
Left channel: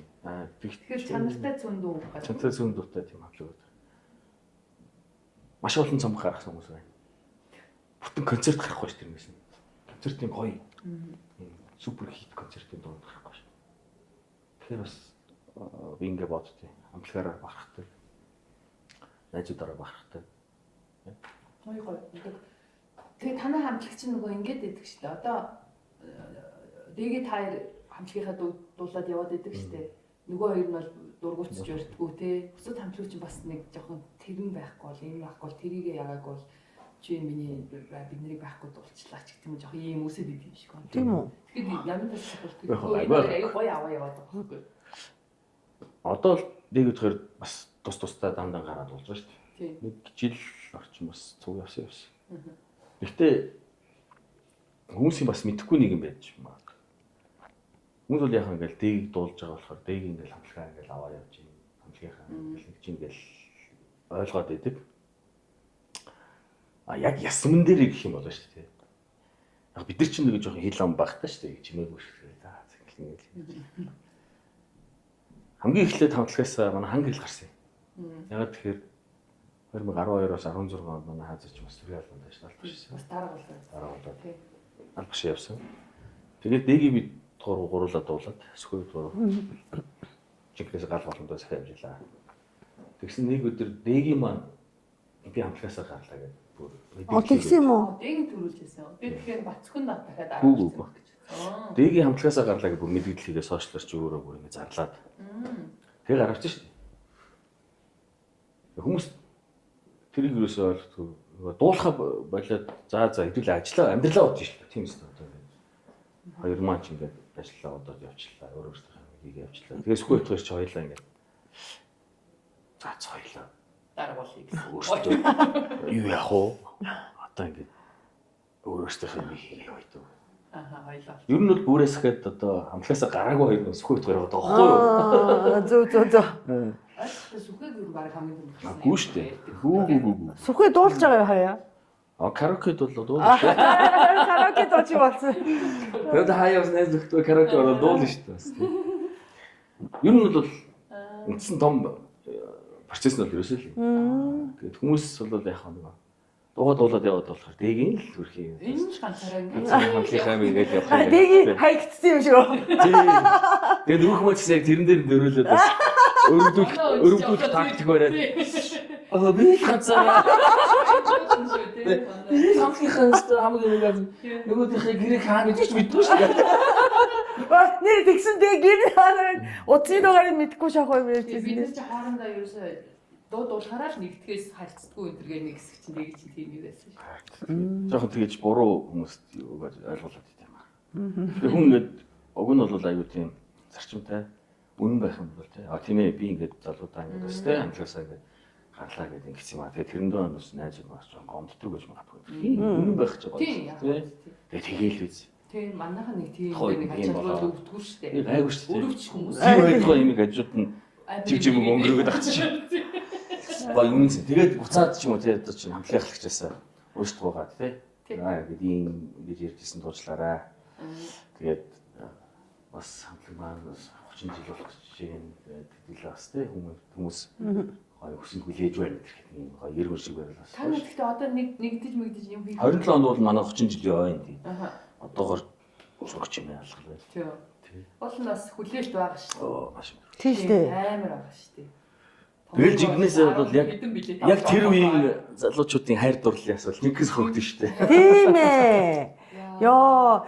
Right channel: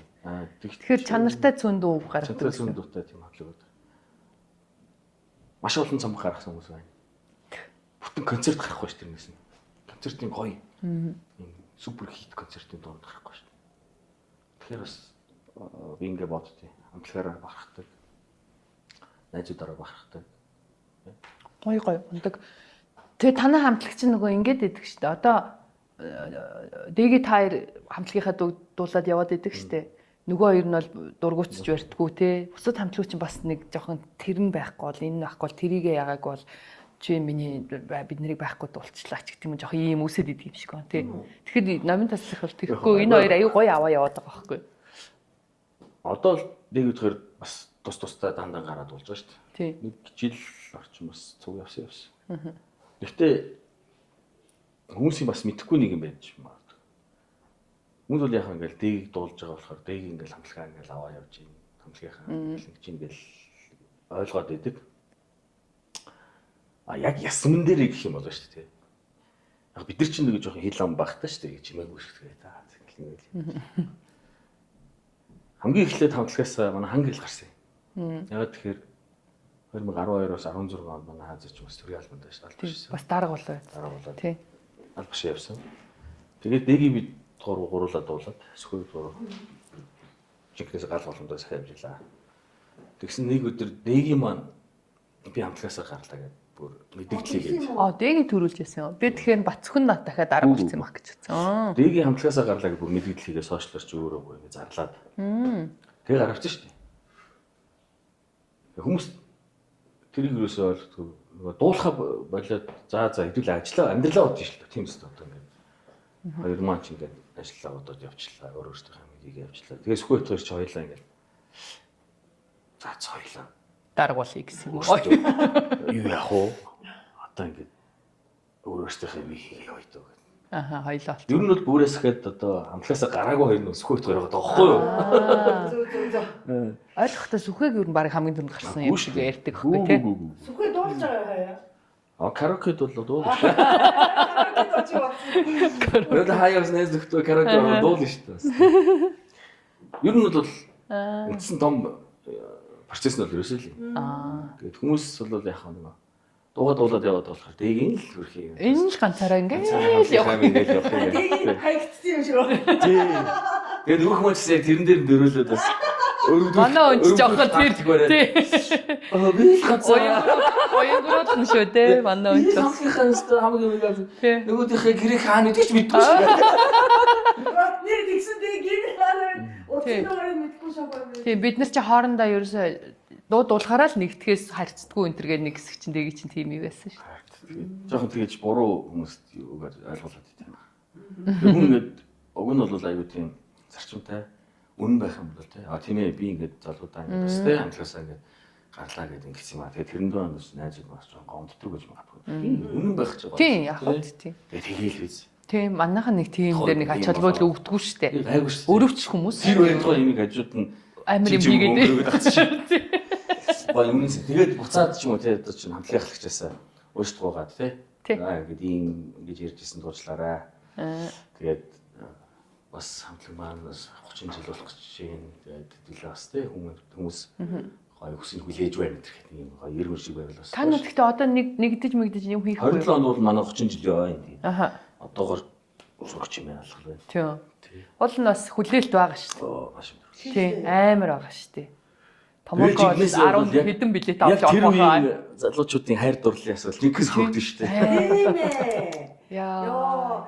Тэгэхээр чанартай зүүн дуу гаргав. Чанартай зүүн дуутай тийм хаалгууд. Маш олон цомог гаргасан хүмүүс байна. Бүтэн концерт гарахгүй шүү тэрнээс нь. Концертын гоё. Супер хит концертын дуу гарахгүй шүү. Тэгэхээр бас би ингэ боддتي. Амтлагаараа бахархдаг. Найзуудаараа бахархдаг. Гоё ундаг. Тэгээ танай хамтлагч нөгөө ингэж идэг шүү дээ. Одоо дэги таар хамтлагийнхаа дуулаад яваад идэг шүү дээ. Нөгөө хоёр нь бол дургуутж барьдгүү те. Бусад хамтлагч нь бас нэг жоохон тэрэн байхгүй бол энэ байхгүй бол тэрийгэ яагаагүй бол чи миний бид нарыг байхгүй дуулчлаа ч гэх юм жоохон ийм үсэд идэг юм шиг байна те. Тэгэхээр намын тасчих бол тэгэхгүй энэ хоёр аюу гоё аваа яваад байгаа байхгүй. Одоо л дэг үтгэр бас тустай дандаа гараад болж байгаа шүү Тий. дээ. Нэг жил орчим бас цуг явсан. Гэхдээ хүмүүсийн бас мэдэхгүй нэг юм байж магадгүй. Хүмүүс бол яхаа ингээл дэгийг дуулж байгаа болохоор дэгийг ингээл хамтлагаа ингээл аваа явж юм. Хамтлагийнхаа нэг чинь ингээл ойлгоод идэг. Яг ясман дээр гэх юм болоо шүү дээ. Яг бид нар чинь нэг жоохон хил ам багтаа шүү дээ. Чимээгүй шүү дээ. За ингээл. Хамгийн эхлээд хамтлагаас манай ханг хэл гарсан юм. Ягаад тэгэхээр 2012-оос 16 онд манай хаазч бас төрийн албанд байсан албаш. Бас дарга болоо. Дараа болоод. Тий. Албаш явсан. Тэгээд дэгийг бид гуруулаад дуулаад сөхөд гурав. Жинхэнээс гал боломжтой сахиж явжлаа. Тэгсэн нэг өдөр дэгийн маань би хамтлагаасаа гарлаа гэдэг бүр мэдээлэл. Дэгийг төрүүлж яасан. Би тэгэхээр Бацхүн нат дахиад дарга болсон байх гэж бодсон. Дэгийн хамтлагаасаа гарлаа гэдэг бүр мэдээлэл хийгээ сошиалч өөрөө бүр ингэ зарлаад. Тэгээ гаравч шүү дээ. Хүмүүс тэрийг юусоо ойлгохгүй нөгөө дуулахаа болоод за хэдүүл ажиллаа амьдралаа бодож шүү дээ. Тийм үстэй одоо ингэ. Хоёр маань ч ингэ ажиллаа бодоод явчлаа. Өөрөөсөө хийгээ явчлаа. Тэгээ сүхбэт хоёр ч хоёлаа ингэ. За хоёлаа дарга болъё гэсэн. Юу яах вэ? Одоо ингэ өөрөөсөө юм хийгээ яваад. Аха хоёлоо. Ер нь бол бүрээс ихэд одоо амтлагаасаа гараагүй хоёр нь сүхэгт гараад байгаа байхгүй юу? Зөв. Ойлгохдоо сүхэг ер нь баг хамгийн түрүүнд гарсан Гүү шүү дээ. ярьдаг Гүү. Сүхээ дуулж байгаа юу хаяа? Караокед бол дуулна шүү. Караоке дуулж болсон. Тэгээд хаяа бас найз нөхдөд караоке ороод дуулна шүү дээ. Ер нь бол үндсэн том процесс нь бол ерөөсөө л юм. Тэгээд хүмүүс бол яг нэг дуулаад яваад болохоор дэгийн л хөрхий юм. Энэ ч ганцаараа ингээд Хамтлагаа ингээд явах юм. Дэгийн хаягдсан юм шүү. Тий. Тэгээд нөх хүмүүс яг тэрэн дээр дөрүүлээд бас Манай бариад. Би ганцаараа Ойлгосон шүү дээ. Манай өнч. самхихаас хамгийн үнэгээр нөгөөдийнхээ гэрээ хаана идэж мэдгүй шүү дээ. Нэр тэгсэн дээ гэр хараа утсын дугаарыг мэдгүй шахав юм. Тий бид нар чи хоорондоо ерөөсөө дуулахаараа л нэгтгэхээс харьцдаггүй энэ төргээ нэг хэсэг чинь дэгийг чинь тийм юм байсан шүү. Жохон тэгэж буруу хүмүүст ойлгуулад идэв юм байна. Хүн ингээд уг нь бол аюу тийм зарчимтай үнэн байх юм бол тийм ээ би ингээд залуудаа ингээд бас тийм хамтлагаасаа ингээд гарлаа гэдэг ингэсэн юм аа. Тэгээ тэрэн дээр бас найзууд бас жоон гомддог гэж магадгүй. Үнэн байх ч байгаа. Тийм яг хөө тийм. Тэгээл биз. Тийм манайхан нэг тийм дээр нэг ач холбогдол өгдөггүй шүү дээ. Айгуу шүү. Өрөвч хүмүүс. Тэр байдгаа юм хажууд нь Амар юм юм өнгөрөөд авчих. Гой юм. Тэгээд буцаад ч юм уу те одоо чинь хамтлагийн ахлагчаасаа өөрсдөө гоогаад те. Ингээд ийм ингэж ярьжсэн дуучлаарай. Тэгээд бас хамтлаг маань бас 30 жил болох гэж байна. Тэгээд хэдүүлээ бас те хүмүүс гой хүсэл хүлээж байна гэх юм гой эргэн шиг байвал бас. Та нар гэхдээ одоо нэгдэж мэгдэж юм хийх. 27 онд бол манай 30 жил яваа юм тийм. Аха. Одоогор сурч юм ялах байна. Тийм. Уул нь бас хүлээлт байгаа шүү дээ. Маш юм. Тийм амар байгаа шүү дээ. Бэлжигнээс бол яг хэдэн билет яг тэр үеийн залуучуудын хайр дурлалын асуулт нэгээс хөгдөн шүү дээ. Тийм ээ. Яа. Яа,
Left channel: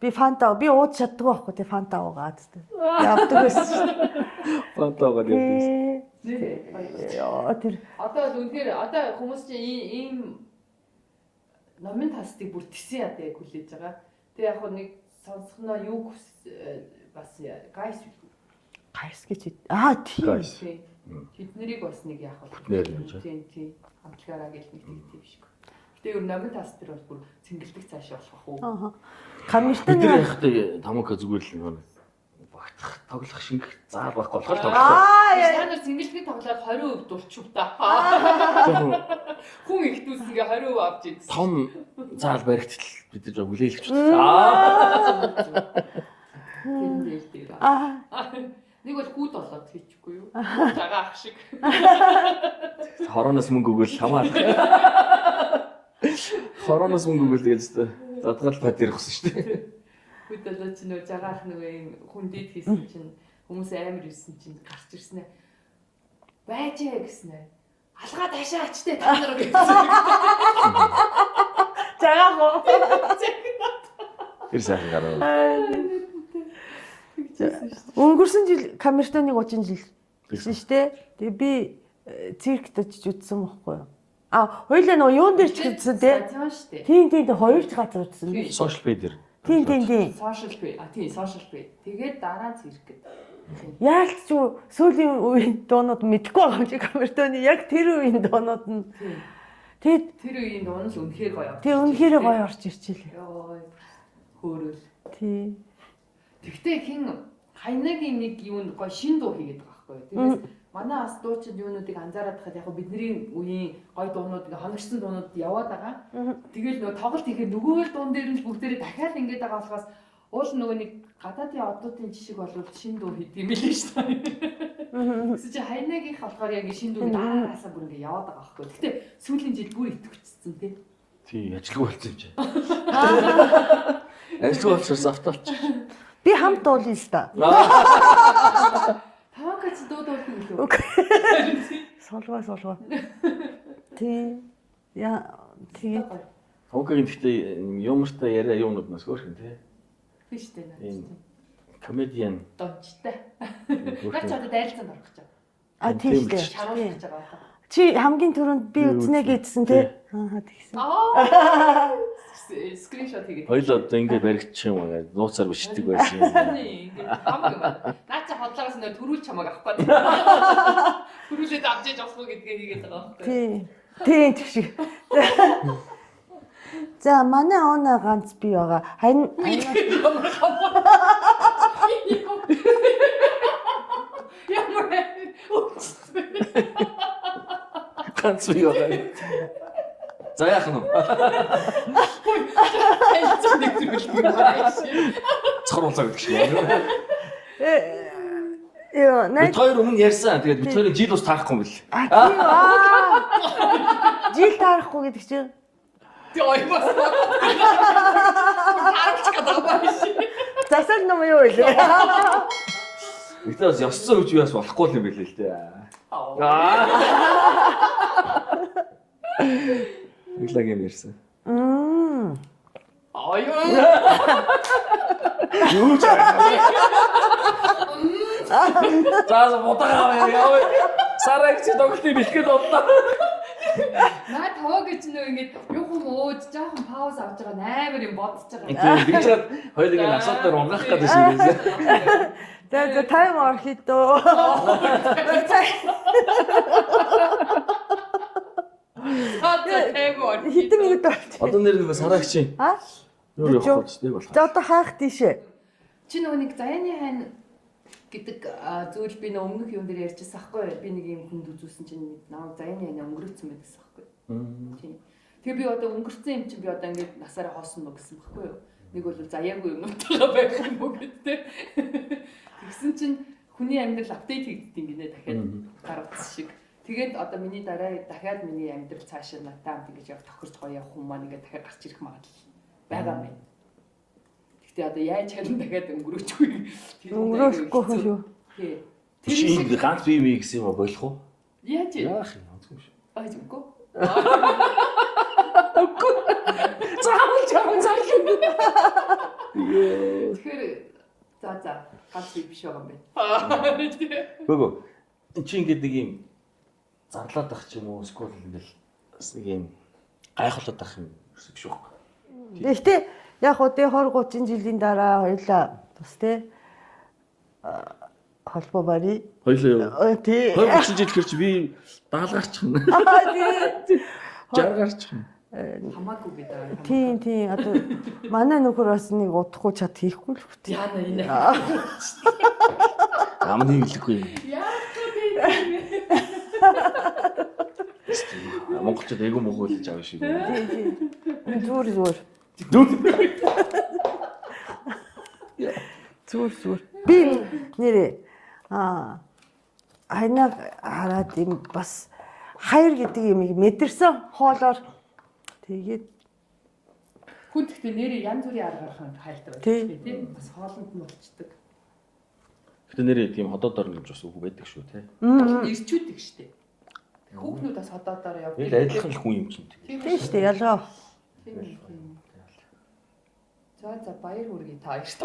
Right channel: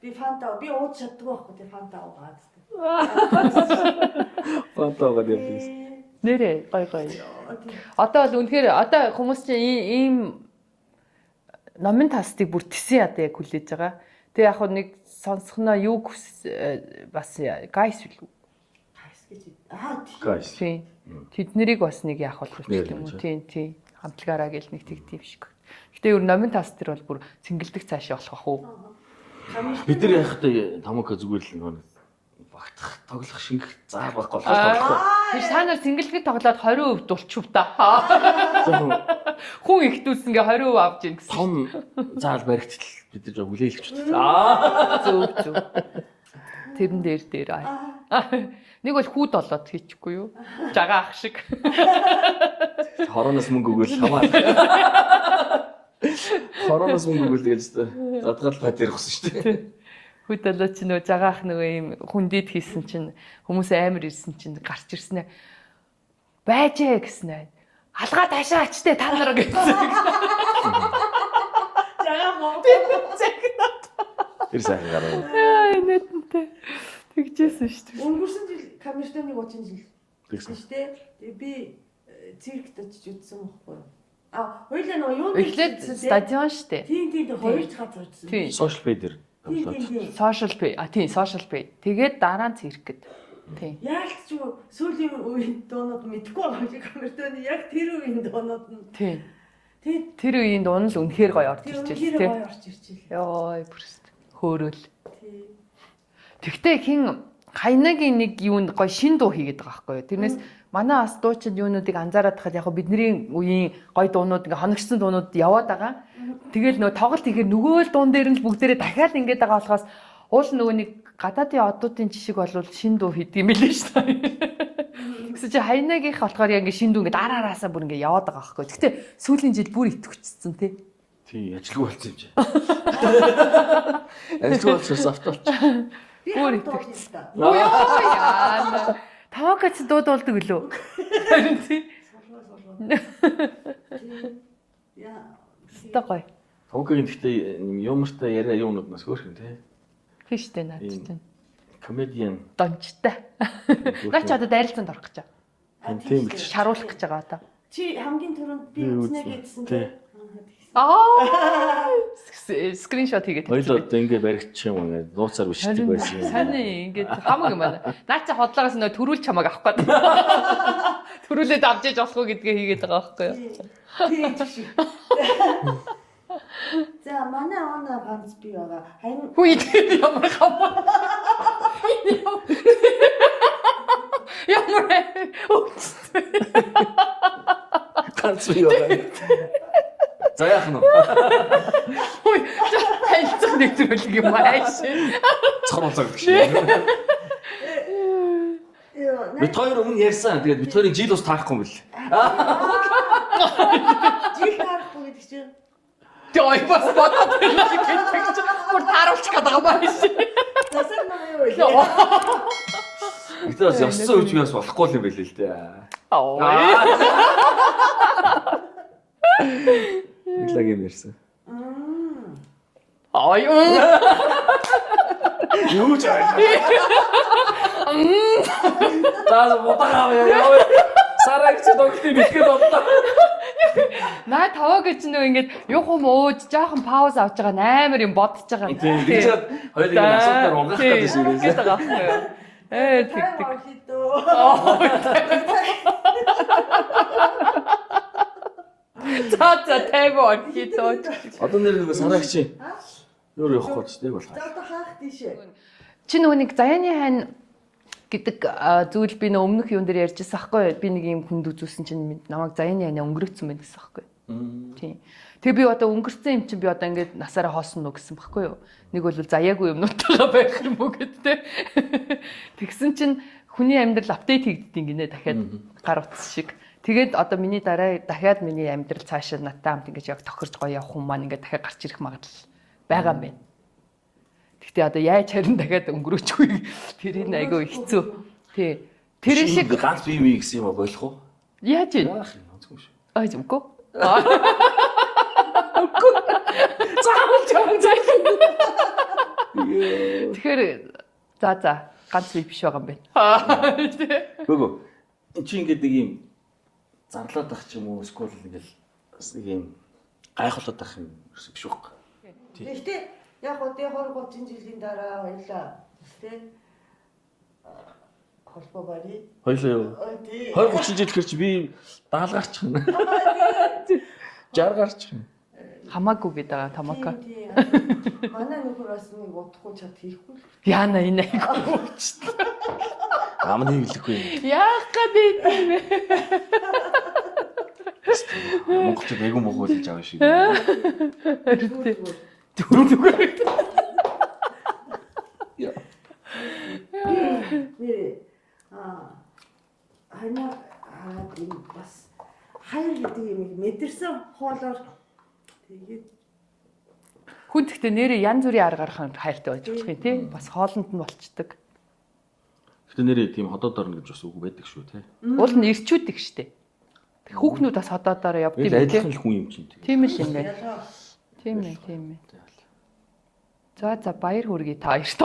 би фанта би ууж чаддгүй байхгүй те фанта уугаад те. Явдаг. Фанта уугаад явдаг. Нэрээ гой. Одоо бол үнэхээр одоо хүмүүс чинь ийм номын тастыг бүр тисэн ядаа яг хүлээж байгаа. Тэгээ яг нэг сонсохноо юу бас гайс билүү. Гайс гэж. Тийм. Тэднэрийг бас нэг яах болох юм уу? Тийм. Хамтлагаараа гэл нэг тийм шиг. Гэтэ ер нь номын таст төр бол бүр цэнгэлдэг цаашаа болох бах уу? Бид нар яхад тамака зүгээр л багтах тоглох шингэх заа байхгүй болохоор тоглохгүй. Та нар цэнгэлдэг тоглоод 20% дулчив та. Хүн ихтүүлсэнгээ 20% авч ийн гэсэн. Том заал баригдтал бид нар жоо хүлээлгч. Зөв. Тэрэн дээр. Нэг бол хүүд болоод хийчихгүй юу? Жагаа ах шиг. Хороноос мөнгө өгөөл хамаа. Хороноос мөнгө өгөөл гэж задгаал бат ярих гэсэн шүү дээ. Хүүд болоод чи нөгөө жагаа ах нөгөө юм хүндийд хийсэн чинь хүмүүс амар ирсэн чинь гарч ирсэн ээ. Байжээ гэсэн ээ. Алгаа таашаа ачтэй та нар гэсэн. Жагаа муу. Тэр сайхан гарав. Нэтэнтэй. Тэгжсэн шүү дээ. Өнгөрсөн жил камертоныг 30 жил гэсэн шүү дээ. Тэгээ би циркт очиж үзсэн байхгүй юу? Хоёулаа нөгөө юунд дээр үзсэн дээ? Стадион шүү дээ. Тийм хоёр ч газар үзсэн. Social media. Тийм. Social pay. Тийм, social pay. Тэгээд дараа нь циркэд. Тийм. Яг ч сүүлийн үеийн дуунууд мэдгүй байгаа юм камертоны яг тэр үеийн дуунууд нь. Тийм. Тэгээд тэр үеийн дуун л үнэхээр гоё орж ирж байна. Үнэхээр гоё орж ирчихлээ. Йой, бүрст. Хөөрөл. Тийм. Тэгтээ хин хайнагийн нэг юунд гоё шин дуу хийгээд байгаа байхгүй юу. Тэрнээс манай бас дуучид юунуудыг анзаараад хахад яг бидний үеийн гоё дуунууд ингээ хоногчсон дуунууд яваад байгаа. Тэгэл нөгөө тоглолт ихээр нөгөө л дуун дээр нь бүгдээрээ дахиад ингээд байгаа болохоос уул нөгөө нэг гадаадын одуудын жишг бол шин дуу хийдэг юм билээ шүү дээ. Гэсэн чи хайнагийнх болохоор яг ингээ шин дуу ингээ дараараасаа бүр ингээ яваад байгаа байхгүй. Тэгтээ сүүлийн жил бүр итгэвчсэн тий. Тий, ажилгүй болсон юм чи. Ажилгүй болчихсон автолч. Би хамт дуулъя л та. Тавакац дуудуулдаг үлээ. Солгоо. Тийм. Яа, гоё. Тавакагийн гэхдээ юмртай яриа юунууднаас хөөрхөн тий. Хиштэй наадтай. Комедиан. Дончтой. Наач одоо дайралцанд орох гэж байгаа. Тийм л шаруулах гэж байгаа одоо. Чи хамгийн түрүүнд би үзнэ гэдсэн тий. Тэгсэн. Скриншот хийгээд. Хоёул одоо ингээд баригдчих юм аа. Нууцаар бичдэг байсан юм. Сайн ингээд хамаг юм байна. Наач хотлоогоос нөө төрүүл чамаг авах гээд. Төрүүлээд авч иж болох уу гэдгээ хийгээд байгаа байхгүй юу? Тийм тийш. За манай оноо ганц би байгаа. Харин Хүй ямар хамаа. Ямар Ганц би байгаа. За яах нь вэ? хэлцэн нэгтрүүлэг юм ааш. Цоролцоо гэдэг шиг. Яа, Бид хоёр өмнө ярьсан. Тэгээд бид хоёрын жил ус таахгүй юм бэл. жил тарахгүй гэдэг чинь. Той бас таруулж чадгаа байна. Засаг ном юу вэ? Гэтэ бас ёссон үеч бас болохгүй юм бэлээ л дээ. Иглаг юм ярьсан. Аюу. Юу ч аа. Заа ботагаа яа. Сарагч догтлыг бэлгээд боллоо. Наа таваа гэж нөө ингээд юх юм ууж жоохон пауз авч байгаа амар юм бодож байгаа. Тийм тэгж чад хоёулыг нь асуудаар унгаах гэдэг шиг байсан. Тайм орхито. За тайвар хитөө. Одоо нэр нэг сарагч. А? Юу явах гэж тэг болох. За одоо хаах тийшээ. Чи нөгөө нэг заяаны хань гэдэг зүйл би нөгөө өмнөх юун дээр ярьжсэн аахгүй би нэг юм хүнд үзүүлсэн чинь намайг заяаны хань өнгөрөөцсөн байх гэсэн аахгүй. Тийм. Тэг би одоо өнгөрсөн юм чинь би одоо ингээд насаараа хоосон нуу гэсэн байхгүй юу? Нэг бол заяагүй юмнуудтайгаа байх юм уу гэдтэй. Тэгсэн чинь хүний амьдрал апдейт хийгддэг гинэ дахиад гар утас шиг. Тэгээд одоо миний дараа дахиад миний амьдрал цаашаа надтай хамт ингэж яг тохирч гоё явах юм маань ингээд дахиад гарч ирэх магадлал байгаа юм байна. Гэхдээ одоо яаж харин дахиад өнгөрөөчгүй тэрийг айгүй хэцүү. Тий. Тэр шиг ганц бие мий гэсэн юм болох уу? яаж вэ? Яах юм онцгүй шүү. Аа зүггүй. Үгүй. Заавал чам зайлгүй. Тэгэхээр за ганц бие биш байгаа юм байна. Гүг. Чи ингээд нэг юм зарлаад ах ч юм уу эсвэл ингээл бас нэг юм гайхуулаад ах юм биш үү? Гэхдээ яг уу тий 20 30 жилийн дараа хоёлаа бас тий холбоо барь. Хоёлаа юу? Тий. 20 30 жил хэрч би даалгарчих нь. 60 гарчих нь. Хамаагүй гэдэг байгаа тамака. Тийм одоо манай нөхөр бас нэг удахгүй чад хийхгүй л хүртээ. Яна энэ. Амны хэлэхгүй юм. Яах гэдэг юм бэ? Монголчууд айгүй мөгөөлж авах шиг. Зүгээр. Би нэрээ хайнаа хараад юм бас хайр гэдэг юмыг мэдэрсэн хоолоор тэгээд Хүн тэгтээ нэрээ янз бүрийн аргаар хайртай байж болох юм тий. Бас хоолнд нь болцдог. Гэтэ нэрээ тийм ходоод орно гэж бас үг байдаг шүү те. Уул нь ирчүүдэг штэ. Хүүхнүүд бас ходоодоор явдаг. Адилхан л хүн юм чинь. Тийм ээ тийм ялгаа. Тийм ээ. За баяр хүргэе та хоёрт.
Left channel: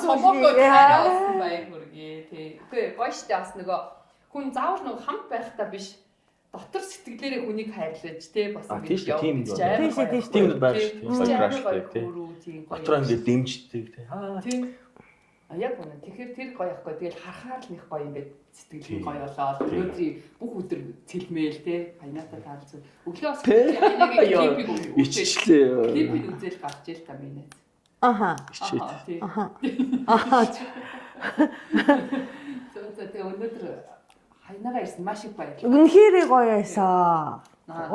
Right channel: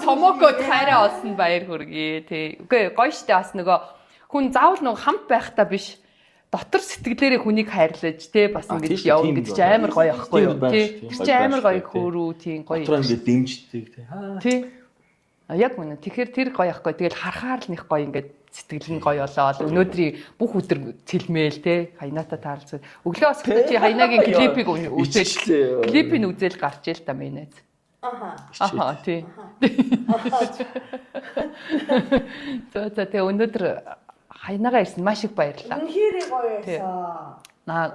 Томоко таараа олсон баяр хүргэе. Тий. Үгүй гоё штэ бас нөгөө хүн заавал нөгөө хамт байхдаа биш. Дотор сэтгэлээрээ хүнийг хайрлаж тий бас ингэж явна гэж амар гоё ахгүй юу. Тий. Амар гоё хөөрүү тий гоё. Дотор ингэ дэмждэг тий. Яг үнэ. Тэгэхээр тэр гоё ахгүй. Тэгэл харахаар л нэг гоё ингээд сэтгэл нь гоё болоод өнөөдрийн бүх өдөр цэлмээл те хайнаата таалцсан. Өглөө бас чи хайнагийн клипийг үзээ. Клипийг үзэл гарч ийл та минь. Аха. Тий. За тэ өнөөдөр хайнагаа ирсэн маш их баярлалаа. Үнэхээр гоё байсан.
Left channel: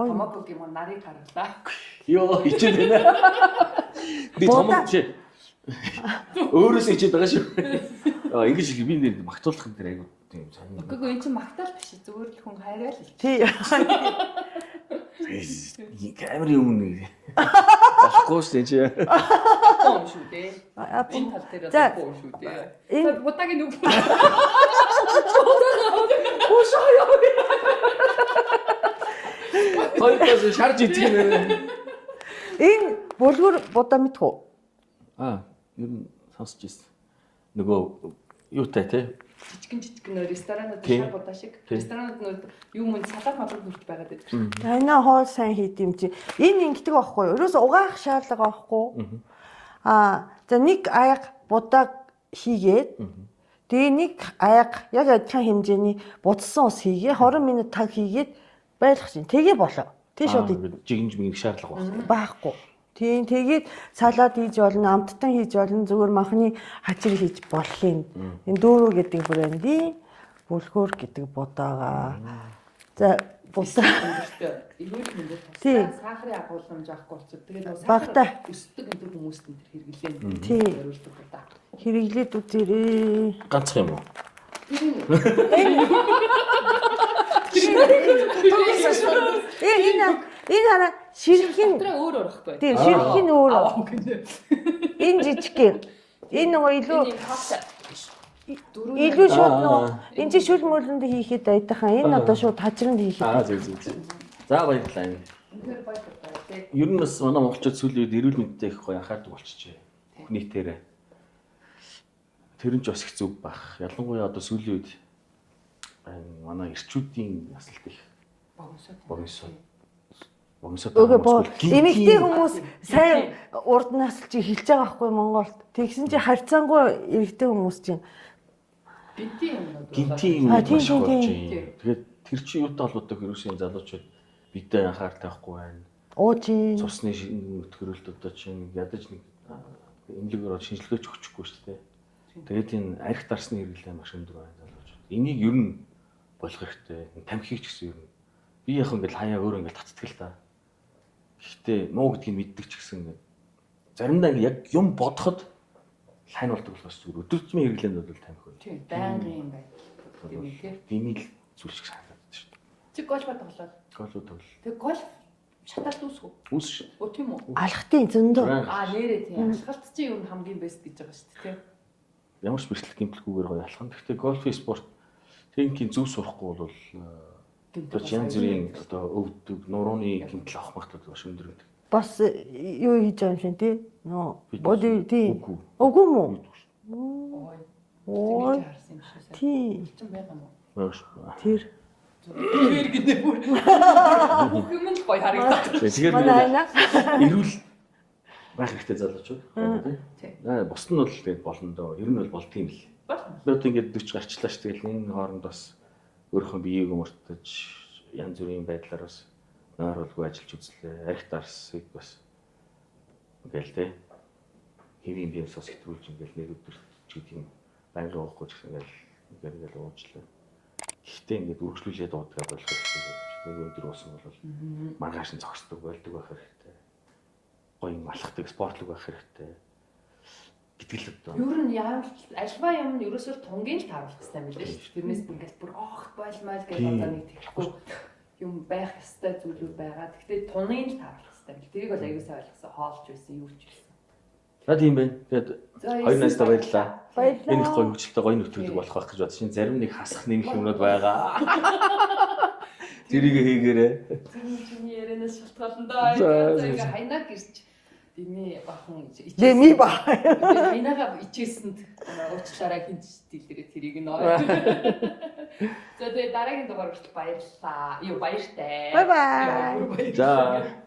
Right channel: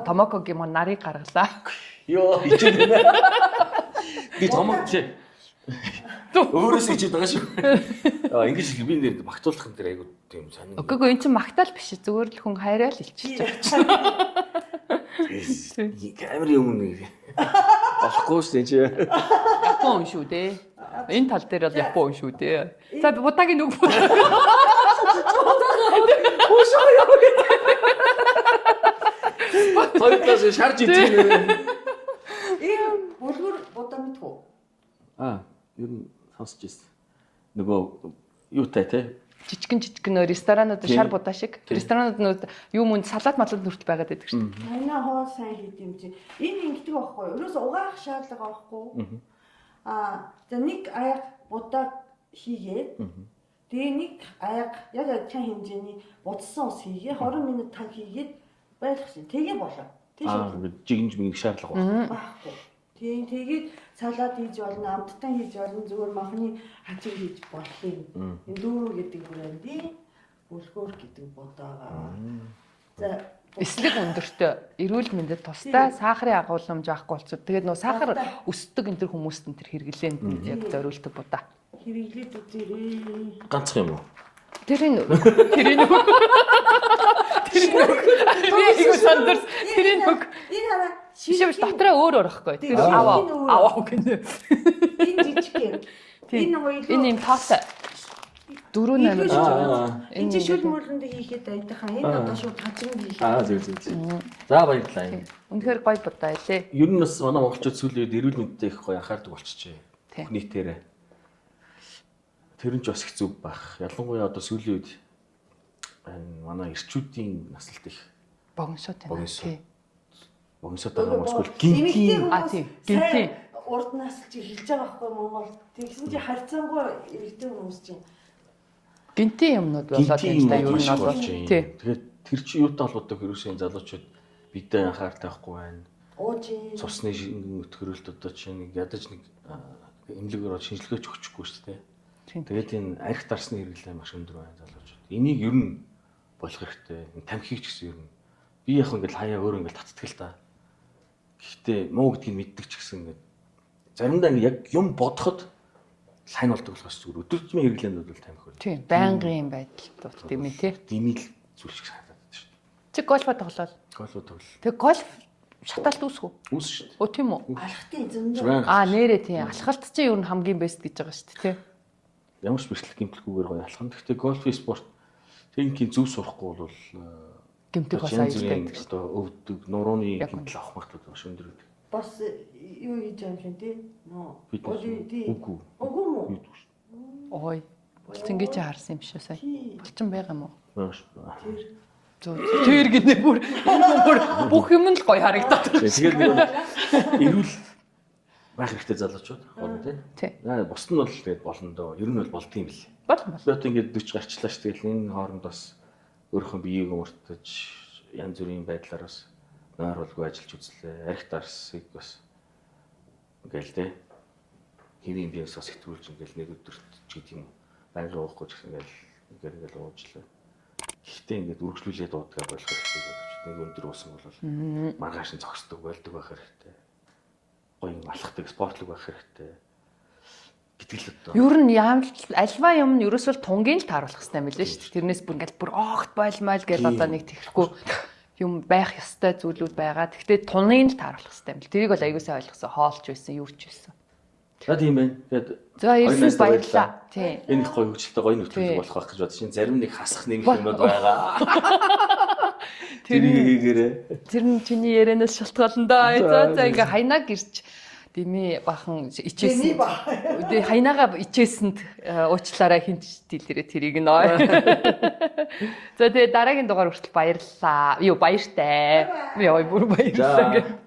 Томокогийн мөн нарыг гаргалаа. Йоо хичээд байна. Би томок чи өөрөөс хичээд байгаа шүү. Ингэж их би нэр магтуулах юм дээр айгуу тийм сонир. Үгүй эн чинь магтаал биш зүгээр л хүн хайраа л хэлчих. Камерын өмнө болохгүй шүү чи. Япон шүү дээ. Энэ тал дээр л Япон шүү дээ. За будагийн нүг. Ушаа яа. Хоёртоос шарж идэх нэ. Энэ булгур будаа мэдхүү? Ер нь сонсч ирсэн. Нөгөө юутай те жижигэн ресторанууд шар будаа шиг. Ресторанууд юу мөн салат малууд нүрт байгаад байдаг шүү дээ. Хайнаа хоол сайн хийд юм чи. Энэ ингэдэг байхгүй юу? Ерөөс угаах шаардлага байхгүй. За нэг аяг будаа хийгээд тэгээ нэг аяг яг адилхан хэмжээний будсан ус хийгээ 20 минут таг хийгээд байлгах шин. Тэгээ болоо. Тий шууд жигнж мэгний шаардлага байна. байхгүй. Тийм тэгээд салаад хийж болно, амттан хийж болно, зүгээр махны хачир хийж болох юм. Энэ дүүрүү гэдэг брендийн бүлгүүр гэдэг бодаага. За Бусдын өндөртөө эрүүл мэндэд тустай сахарын агуулмж авахгүй болчихсон. Тэгээд нөө сахар өсдөг энэ төр хүмүүст энэ төр хэрэглэн зориулдаг будаа. хэрэглээд үзээрэй. Ганцхан юм уу? Тэрийн Энэ хараа ширхэг дотроо өөр орохгүй. Тийм ширхэг өөр. Аваа гэнэ. Энэ жижиг юм. Энэ нөгөө илүү Энэ юм тоотой. Дөрөв илүү нэр. шууд энэ чи шүл мөрлөнд хийхэд айтайхан энэ одоо шууд хажирнд хийхэд. Зөв. За баярлалаа. Үнэхээр гоё будаа илээ. Ер нь бас манай монголчууд сүүлийн үед эрүүл мэндтэй их гоё анхаардаг болчихжээ. Тийм. Нийтээрээ. Тэр нь ч бас их зүг байх. Ялангуяа одоо сүүлийн үед манай эрчүүдийн насалт их Богиносоо тийм. богиносоо Эмэгтэй гинти хүмүүс сайн урд насалж эхэлж байгаа байхгүй Монголд. Тэгсэн чи харьцангуй эрэгтэй хүмүүс чинь Гинти юмнууд болоод гинти юм тийм болж шүү. болж байна. Тэгээд тэр чинь юутай холбоотой хэрүүсийн залуучууд бидээ анхаартай байхгүй байна. уучин Цусны өтгөрөлт одоо чинь ядаж нэг эмнэлгээр шинжилгээч өгчихгүй шүү дээ. Тэгээд энэ арх дарсны хэрэглээ маш өндөр байна залуучууд. Энийг ер нь болох хэрэгтэй. Тамхиг ч гэсэн ер нь би яг ингээл хаяа өөрөө ингээл татдаг л да. Гэхдээ муу гэдгийг мэддэг ч гэсэн ингээд заримдаа ингээд яг юм бодоход лайн болдог болохоос зүгээр өдөржмийн хэрэглээнд бол тамхи өөр. Тийм. Байнгын юм байдал тийм ээ тий. Димил зүйл шиг санагдаад шүү дээ. Чи гольфо тоглоод. Голоо төгөл. Тэг гольф шатаалт үүсгүү. Үүс шүү дээ. Өө тийм үү? алхтын зөндөө. Нэрээ тийм. Алхалт чинь ер нь хамгийн бест гэж байгаа шүү дээ тий. Ямар ч бэрхлэх гэмтэлгүйгээр гоё алхам. Гэхдээ гольф спорт техникийн зөв сурахгүй бол Гэмтэх бас янз бүрийн аюултай. одоо өвдөг, нурууны гэмтэл авах магадлал маш өндөр гэдэг. Бас юу хийж байгаа юм шиг тий. Нөө боди тий. Үгүй. Үгүй мүү? Ой. Булчин гэж харсан юм шиг сая. Тий. Булчин байгаа юм уу? Маш. Тэр. Тэр гинэ бүр бүх юм л гоё харагдаад. Тэгээд нэг эрүүл байх хэрэгтэй залуучууд байна Тий. тий. Бусд нь бол тэгээд болно доо. Ер нь бол болдгийм бил. Болно. Би одоо ингээд 40 гарчлаа ш. Тэгэл энэ хооронд бас өөрийнхөө биеийг өмөртөж янз бүрийн байдлаар бас нойруулгүй ажиллаж үзлээ. Арх дарсыг бас ингээл тий. Хэвийн биес бас хэтрүүлж ингээл нэг өдөр ч гэдэг юм байнгын уухгүй ч гэсэн ингээл уучлаа. Гэхдээ ингээд үргэлжлүүлээд дуудгаа болох хэрэгтэй гэж нэг өндөр уусан бол маргааш нь зогсдог байлдаг байх хэрэгтэй. Гоё юм алхдаг спортлог байх хэрэгтэй. Гэтэл одоо Ер нь альва юм нь ерөөсөө тунгийн л тааруулах хэрэгтэй юм билээ шүү дээ. Тэрнээс бүр ингээл бүр огт байлмайл гэж одоо нэг тэрхгүй юм байх ёстой зүйлүүд байгаа. Гэхдээ тунгийн л тааруулах хэрэгтэй юм бил. Тэрийг бол аягүй сайн ойлгосон. Хоолч байсан, юу ч байсан. за тийм байна. Тэгээд За Хоёр найзтай баярлалаа. Тийм. энэ их гоё хөгжилтэй гоё нөхцөл болох байх гэж бодож чинь зарим нэг хасах нэмэх юмнууд байгаа. Тэрийг хийгээрээ. Тэр нь чиний ярианаас шалтгаална да. За ингээ хайнаа гэрч Дими бахан Дими ичээсэн. ба. Тэгээ хайнаага ичээсэнд уучлаарай хинч дийлэрээ тэрийг нөө. За тэгээ дараагийн дугаар хүртэл баярлалаа. Юу баяртай. Bye bye. Би ой бүр За баярлалаа.